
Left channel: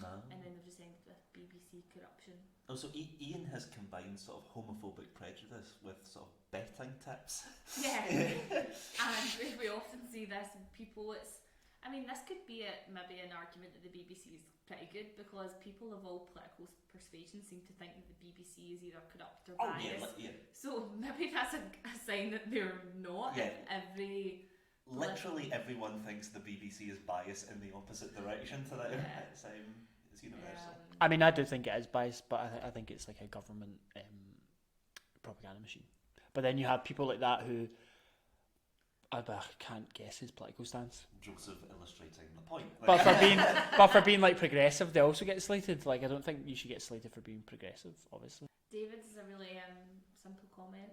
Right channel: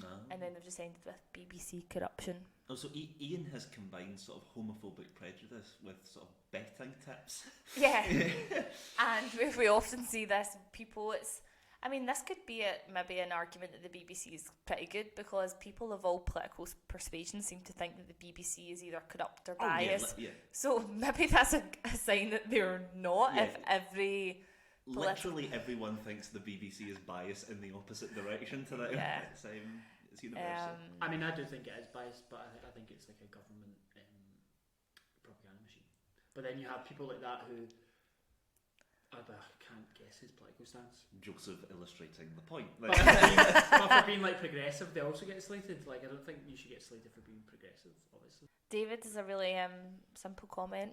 No. And then they've just ended with BBC corruption. Also, Ian has combined sort of homophobic prejudice with sort of betting tips. Yeah. And we often see this in people. This could be maybe an argument that the BBC is pretty good, because people of all political persuasions seem to think that the BBC is either corrupt or biased. Yeah. So maybe that's a sign that they're not. Yeah. If every literally everyone thinks the BBC is biased in the opposite direction to them. Yeah. It's universal. I do think it is biased, but I think it's like a government propaganda machine. But then you have people like that who I can't guess his political stance. Joseph illustrating the point. But for being like progressive, they also get slated. Like, I don't think you should get slated for being progressive, obviously. David is a really simple comment.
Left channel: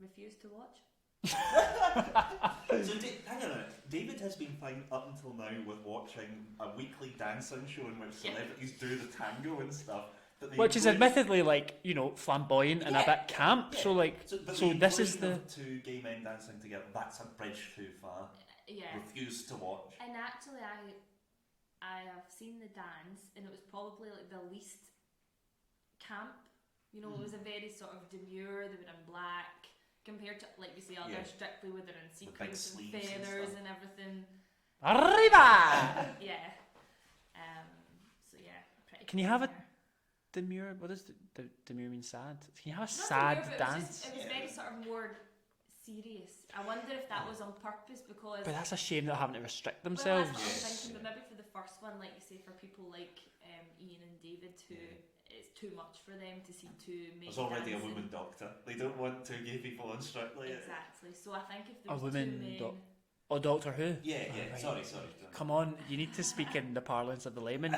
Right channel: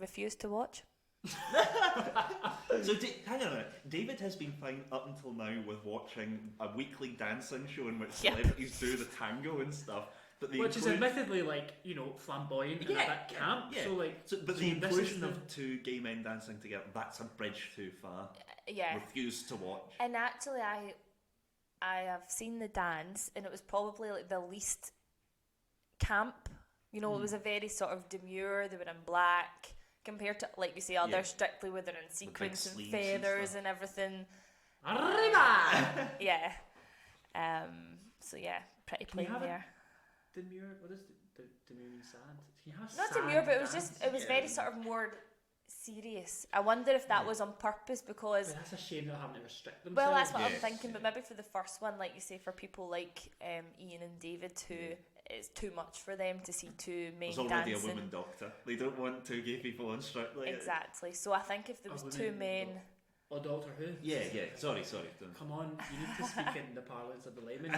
Refuse to watch. So hang on a minute. David has been fine up until now with watching a weekly dancing show in which celebrities do the tango and stuff. Which is admittedly flamboyant and a bit camp. Yeah. So this is the of 2 gay men dancing together. That's a bridge too far. Yeah. Refuse to watch. And actually, I have seen the dance, and it was probably like the least camp. It was a very sort of demure. They were in black compared to, like we say, others Strictly where they're in sequins and feathers and everything. Arriba! Yeah. So yeah, pretty. Can you have demure? What does demure mean? Sad? Can you have a Not sad demure, but dance? it was very sort of more serious. I wonder if that was on purpose, because. But that's a shame they're having to restrict themselves. Well, that's what I'm thinking. But maybe for the first one, like you say, for people like Ian and David, who it's too much for them to see two men There's already dancing. a woman doctor. They don't want two gay people on Strictly. Exactly. So I think if there A was two woman men, Oh, Doctor Who? Yeah. Right. Sorry. Come on, you need to speak in the parlance of the layman.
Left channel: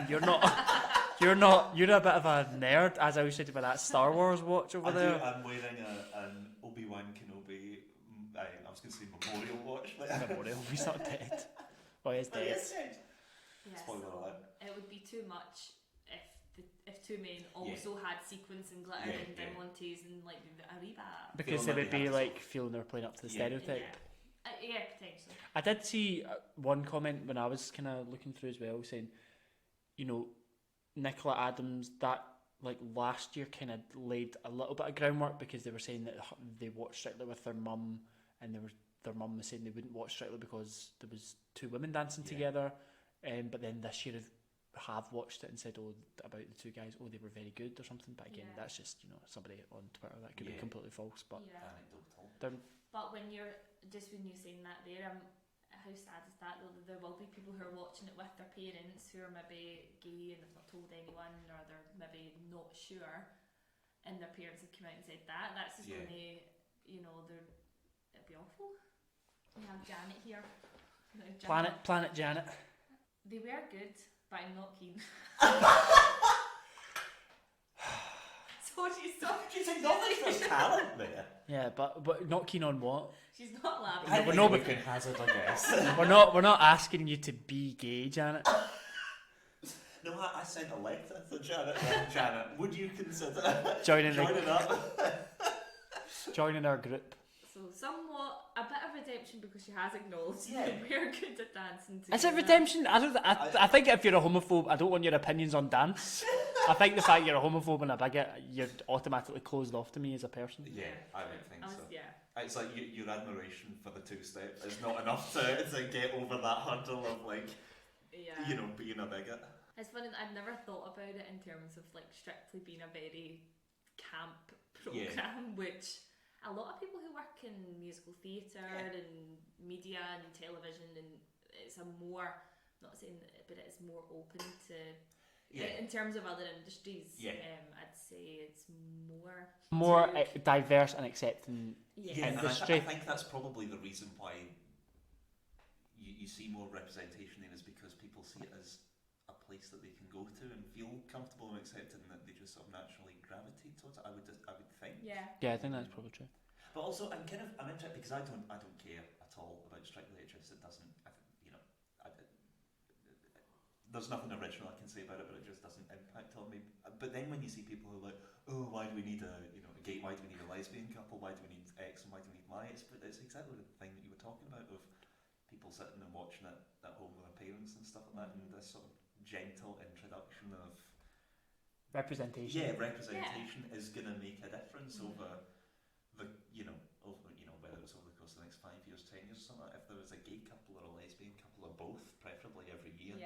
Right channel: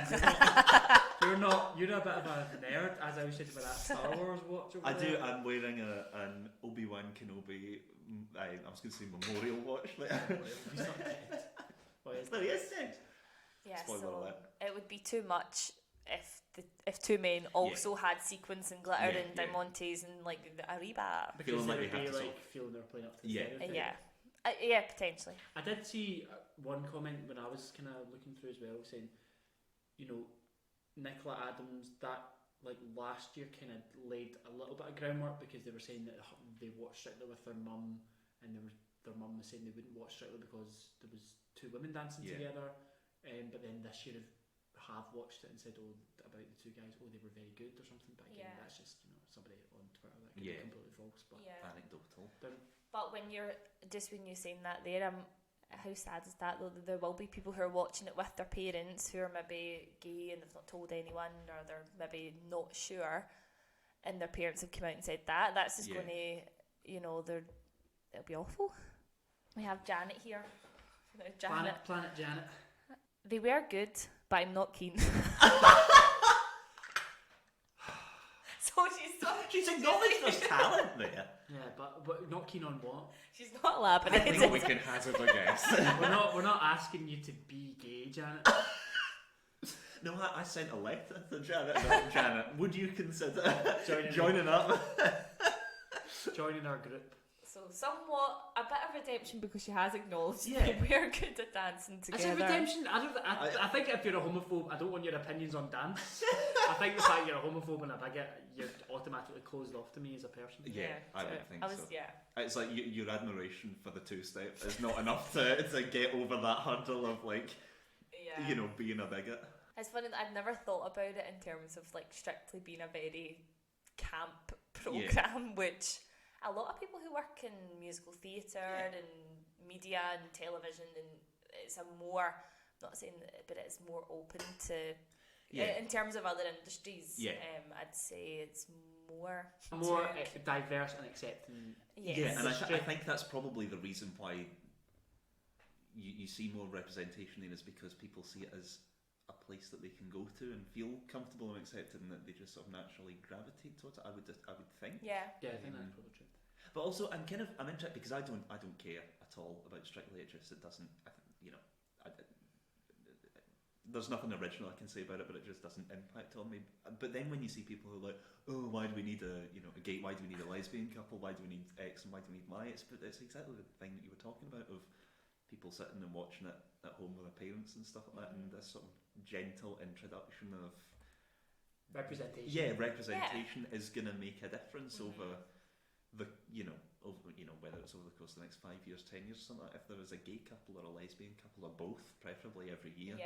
You're a bit of a nerd, as I was saying for that Star Wars watch over there. I'm wearing an Obi-Wan Kenobi, I was going to say memorial watch. Memorial, he's not dead. Well, he's But he dead. is dead. yeah, Spoiler so alert. it would be too much if two men also had sequins and glitter Yeah, and yeah. diamantes and like a rebab. Because Feeling they like would they be have to like feeling they're playing up to the Yeah. stereotype. Yeah, potentially. I did see one comment when I was kind of looking through as well, saying, you know, Nicola Adams, that like last year kind of laid a little bit of groundwork because they were saying that they watched Strictly with their mum, and their mum was saying they wouldn't watch Strictly because there was two women dancing together, but then this year have watched it and said, oh, about the two guys, oh, they were very good or something. But again, that's just, you know, somebody on Twitter, that could be completely false. But Anecdotal. But when you're saying that there, how sad is that though? There will be people who are watching it with their parents who are maybe gay and they've not told anyone, or they're maybe not sure, and their parents have come out and said that. That's just going to, you know, it'll be awful. We have Janet here. Planet Janet. They were good, but I'm not keen. So She's acknowledged her talent there. Yeah, but not keen on what? she's not elaborate. We're not we can hazard a guess. We're not asking you to be gay, Janet. No, I sent a letter to Janet. Janet, would you consider Joining up? Joining our group. So somewhat a bit of redemption because she has acknowledged Yeah. that we're good at dancing together. Is it redemption? I think if you're a homophobe, I don't want your opinions on dance. I think the fact you're a homophobe and a bigot, you're automatically closed off to me as a person. Yeah, I would think so. Yeah. It's like your admiration for the two-step is not enough to get over that hurdle of like, you know, being a bigot. It's funny that I've never thought about it in terms of like strictly being a very camp program, which a lot of people who work in musical theatre and media and television, and it's a more, I'm not saying that, but it's more open to, in terms of other industries, I'd say it's more diverse and accepting. Yeah, and I think that's probably the reason why you see more representation there, is because people see it as a place that they can go to and feel comfortable and accepted, and that they just sort of naturally gravitate towards it. I would think. Yeah, I think that's probably true. But also, I'm interested because I don't care at all about Strictly. It doesn't, you know, there's nothing original I can say about it, but it just doesn't impact on me. But then when you see people who are like, oh, why do we need a gay? Why do we need a lesbian couple? Why do we need X and why do we need Y? It's exactly the thing that you were talking about, of people sitting and watching it at home with their parents and stuff like that, and this sort of gentle introduction of representation. Yeah, representation is going to make a difference over whether it's over the course of the next 5 years, 10 years, something like that. If there was a gay couple or a lesbian couple or both, preferably every year,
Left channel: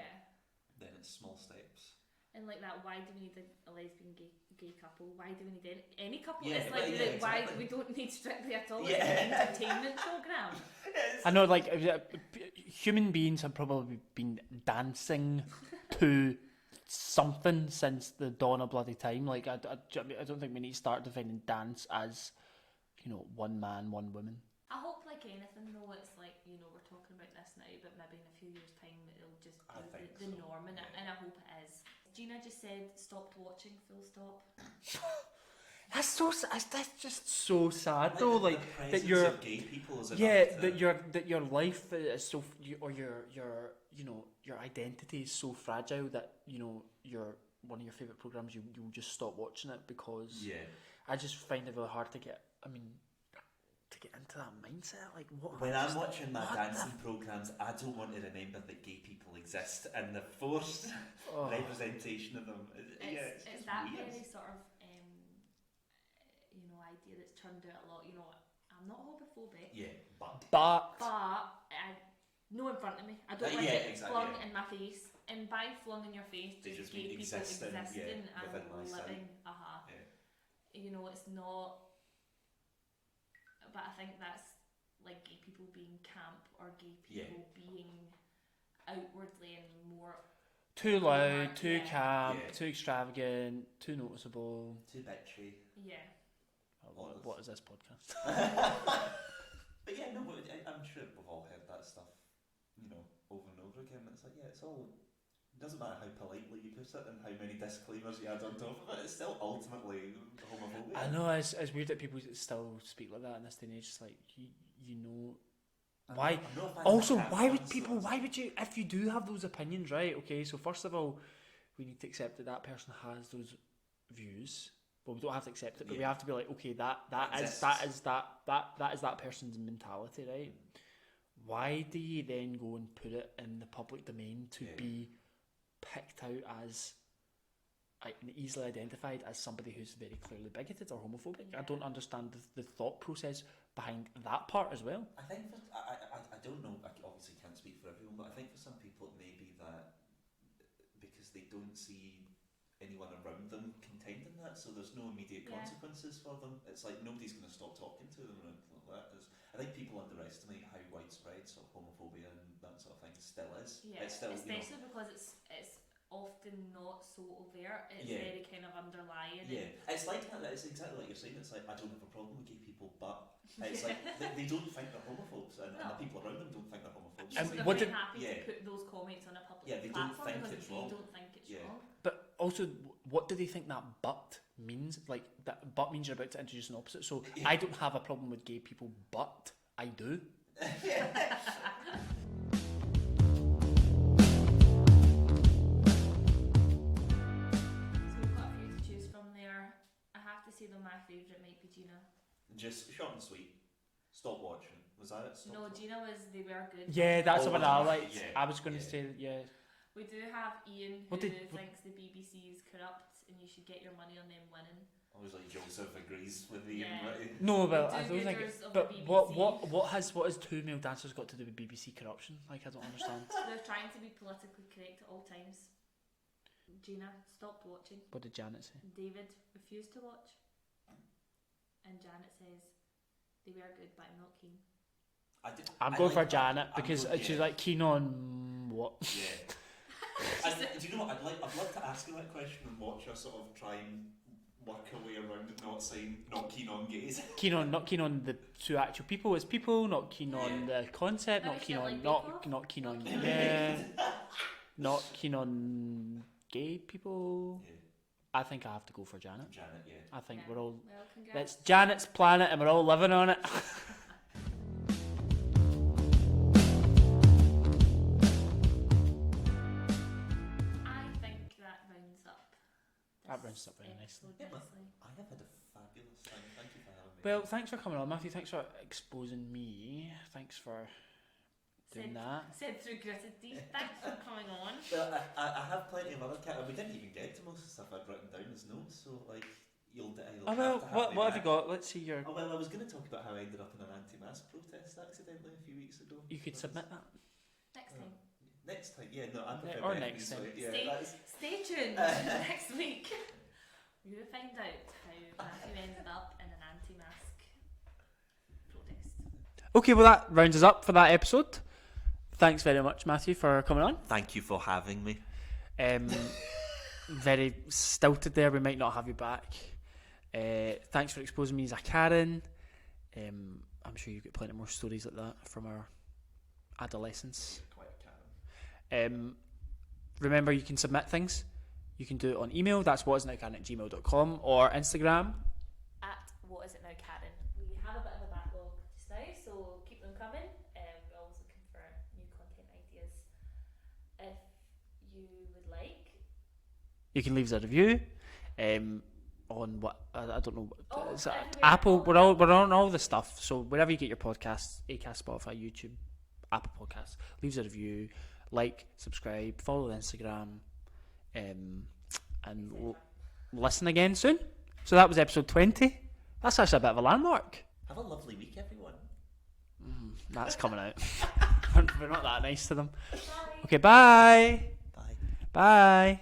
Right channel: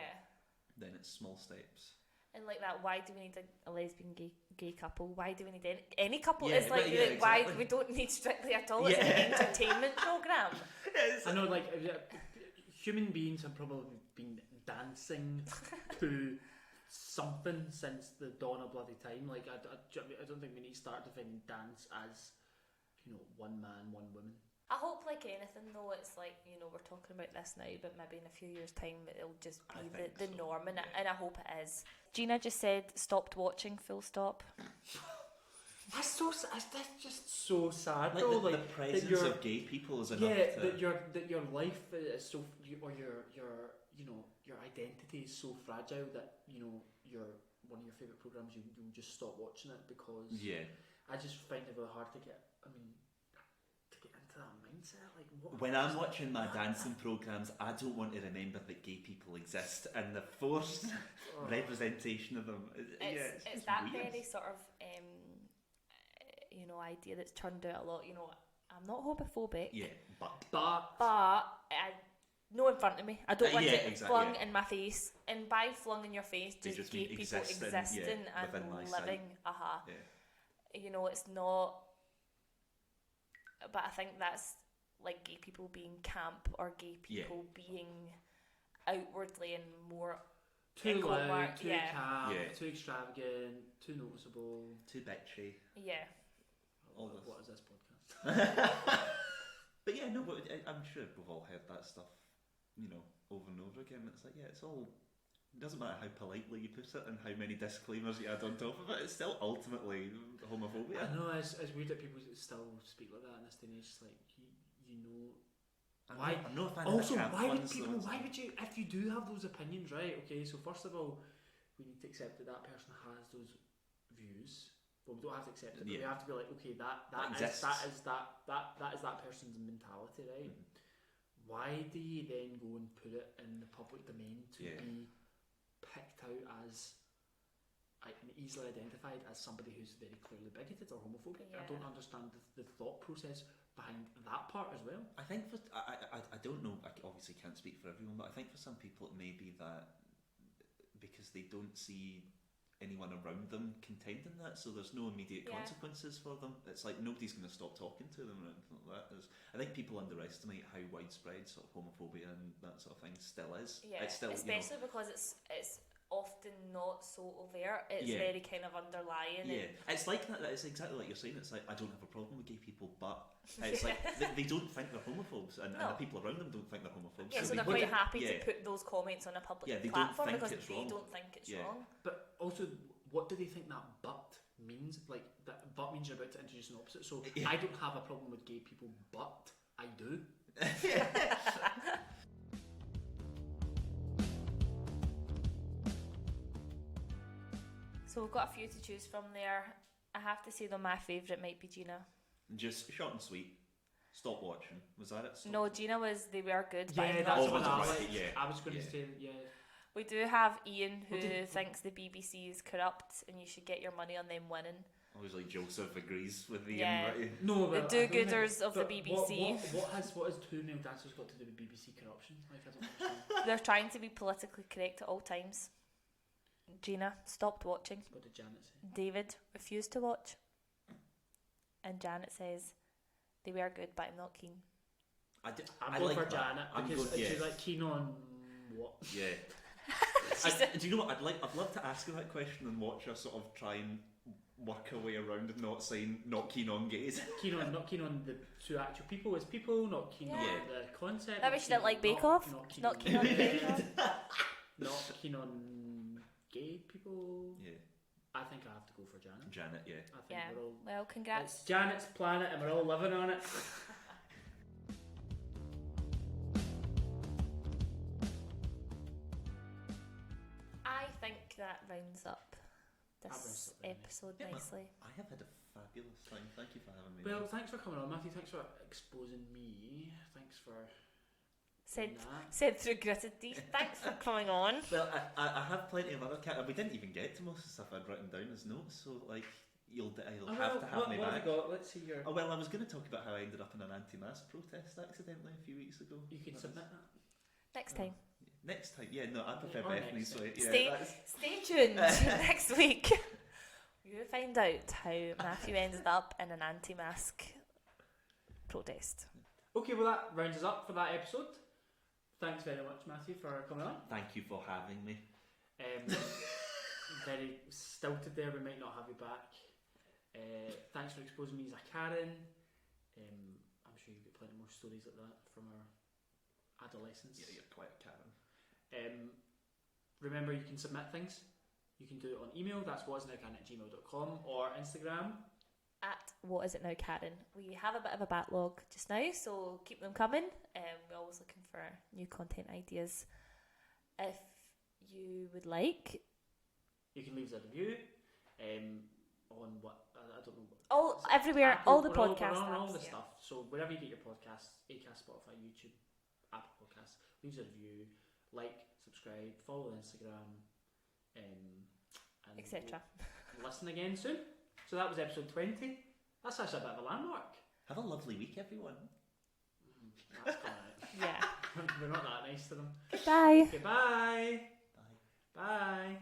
then it's small steps. And like that, why do we need a lesbian gay couple? Why do we need any couple? Yeah, it's like exactly. why we don't need Strictly at all. It's an entertainment program. I know, like human beings have probably been dancing to something since the dawn of bloody time. Like I don't think we need to start defining dance as, you know, one man, one woman. I hope, like anything though, it's like, you know, we're talking about this now, but maybe in a few years' time it'll just be the norm, and I hope it is. Gina just said stopped watching, full stop. That's just so sad though. Like the presence that you're of gay people is enough that your life is so, or your you know, your identity is so fragile that, you know, one of your favourite programs, you'll just stop watching it because I just find it really hard to get into that mindset. Like, when I'm watching my dancing programs, I don't want to remember that gay people exist and the forced representation of them. It's that weird. very sort of you know, idea that's turned out a lot. You know, I'm not homophobic. Yeah, but no in front of me. I don't want it flung in my face. And by flung in your face, just gay people existing and living. You know, it's not. But I think that's like gay people being camp or gay people being outwardly and more Too loud, homework, too yeah. calm, Yeah. too extravagant, too noticeable. Too bitchy. Yeah. All this. What is this podcast? But yeah, no, but I'm sure we've all heard that stuff, over and over again. It's like, yeah, it's all. It doesn't matter how politely you put it and how many disclaimers you add on top of it. It's still ultimately homophobia. I know it's weird that people still speak like that in this day and age. It's like you know. Why? I'm not a fan Also, of the why would camp ones, people? so Why would you? If you do have those opinions, right? Okay, so first of all, we need to accept that person has those views. But we don't have to accept it. But we Yeah. have to be like, okay, that is exists. that person's mentality, right? Why do you then go and put it in the public domain to Yeah. be picked out as and easily identified as somebody who's very clearly bigoted or homophobic? I Yeah. don't understand the thought process behind that part as well. I think I don't know. I obviously can't speak for everyone, but I think for some people it may be that because they don't see anyone around them contending that, so there's no immediate Yeah. consequences for them. It's like nobody's going to stop talking to them or anything like that. I think people underestimate how widespread sort of homophobia and that sort of thing still is. Yeah, It's still, especially because it's often not so overt. It's Yeah. very kind of underlying. Yeah, it's like that. It's exactly like you're saying. It's like I don't have a problem with gay people, but it's like they don't think they're homophobes, and the people around them don't think they're homophobes. Yeah, so they're What quite did- happy yeah. to put those comments on a public Yeah, they don't platform think because it's they wrong. don't think it's Yeah. wrong. But also, what do they think that but means? Like, that but means you're about to introduce an opposite. So, Yeah. I don't have a problem with gay people, but I do. So we've got a few to choose from there. I have to say though, my favourite might be Gina. Just short and sweet. Stop watching. Was that it? Stop No, watching. Gina was They Were Good. Yeah, but that's not what Gina. I like. Yeah, I was going to yeah. say, yeah. We do have Ian who What did- thinks the BBC is corrupt and you should get your money on them winning. Obviously, Joseph agrees with the Yeah. invite. No, The but I don't think- do-gooders of the but BBC. What has two male dancers got to do with BBC corruption? Like, I don't understand. They're trying to be politically correct at all times. Gina stopped watching. What did Janet say? David refused to watch. And Janet says, they were good, but I'm not keen. I'm I going like for that. Janet I'm because good, she's yeah. like keen on what? Yeah. Do you know what? I'd love to ask her that question and watch her sort of try and work her way around it, not saying not keen on gays. Not keen on the two actual people as people, not keen on the concept, That not she keen didn't on like Bake Off? not keen Not on keen on not keen on gay people. Yeah, I think I have to go for Janet. Janet. Yeah. I think Yeah. we're all Well, it's congrats. Janet's planet and we're all living on it. I think that rounds up this That rounds up very episode Yeah, nicely. I have had a fabulous time. Thank you for having me. Well, thanks for coming on, Matthew. Thanks for exposing me. Thanks for doing that. Said through gritted teeth. Thanks for coming on. Well, I have plenty of other we didn't even get to most of the stuff I'd written down as notes, so like you'll have to have me what have back. you got? Let's see your. Oh, well, I was going to talk about how I ended up in an anti-mask protest accidentally a few weeks ago. You could submit that. Next time. Next time, yeah, no, I prefer Or Bethany's next time. way. Yeah, Stay tuned next week. You're going to find out how Matthew ended up in an anti-mask protest. Okay, well that rounds us up for that episode. Thanks very much, Matthew, for coming on. Thank you for having me. Very stilted there. We might not have you back. Thanks for exposing me as a Karen. I'm sure you've got plenty more stories like that from our adolescence. Quite a Karen. Remember, you can submit things. You can do it on email. That's whatisitnowkaren@gmail.com or Instagram. At What Is It Now, Karen? We have a bit of a backlog just now, so keep them coming. We're always looking for new content ideas. If you would like, You can leave us a review. On what I don't know. Oh, Is it everywhere, Apple. all the We're on podcast all the apps, stuff. So wherever you get your podcasts, Acast, Spotify, YouTube, Apple Podcasts, leave us a review, like, subscribe, follow the Instagram, and etc. we'll listen again soon. So that was episode 20. That's actually a bit of a landmark. Have a lovely week, everyone. That's coming out. Yeah. We're not that nice to them. Bye. Okay, bye. Bye. Bye.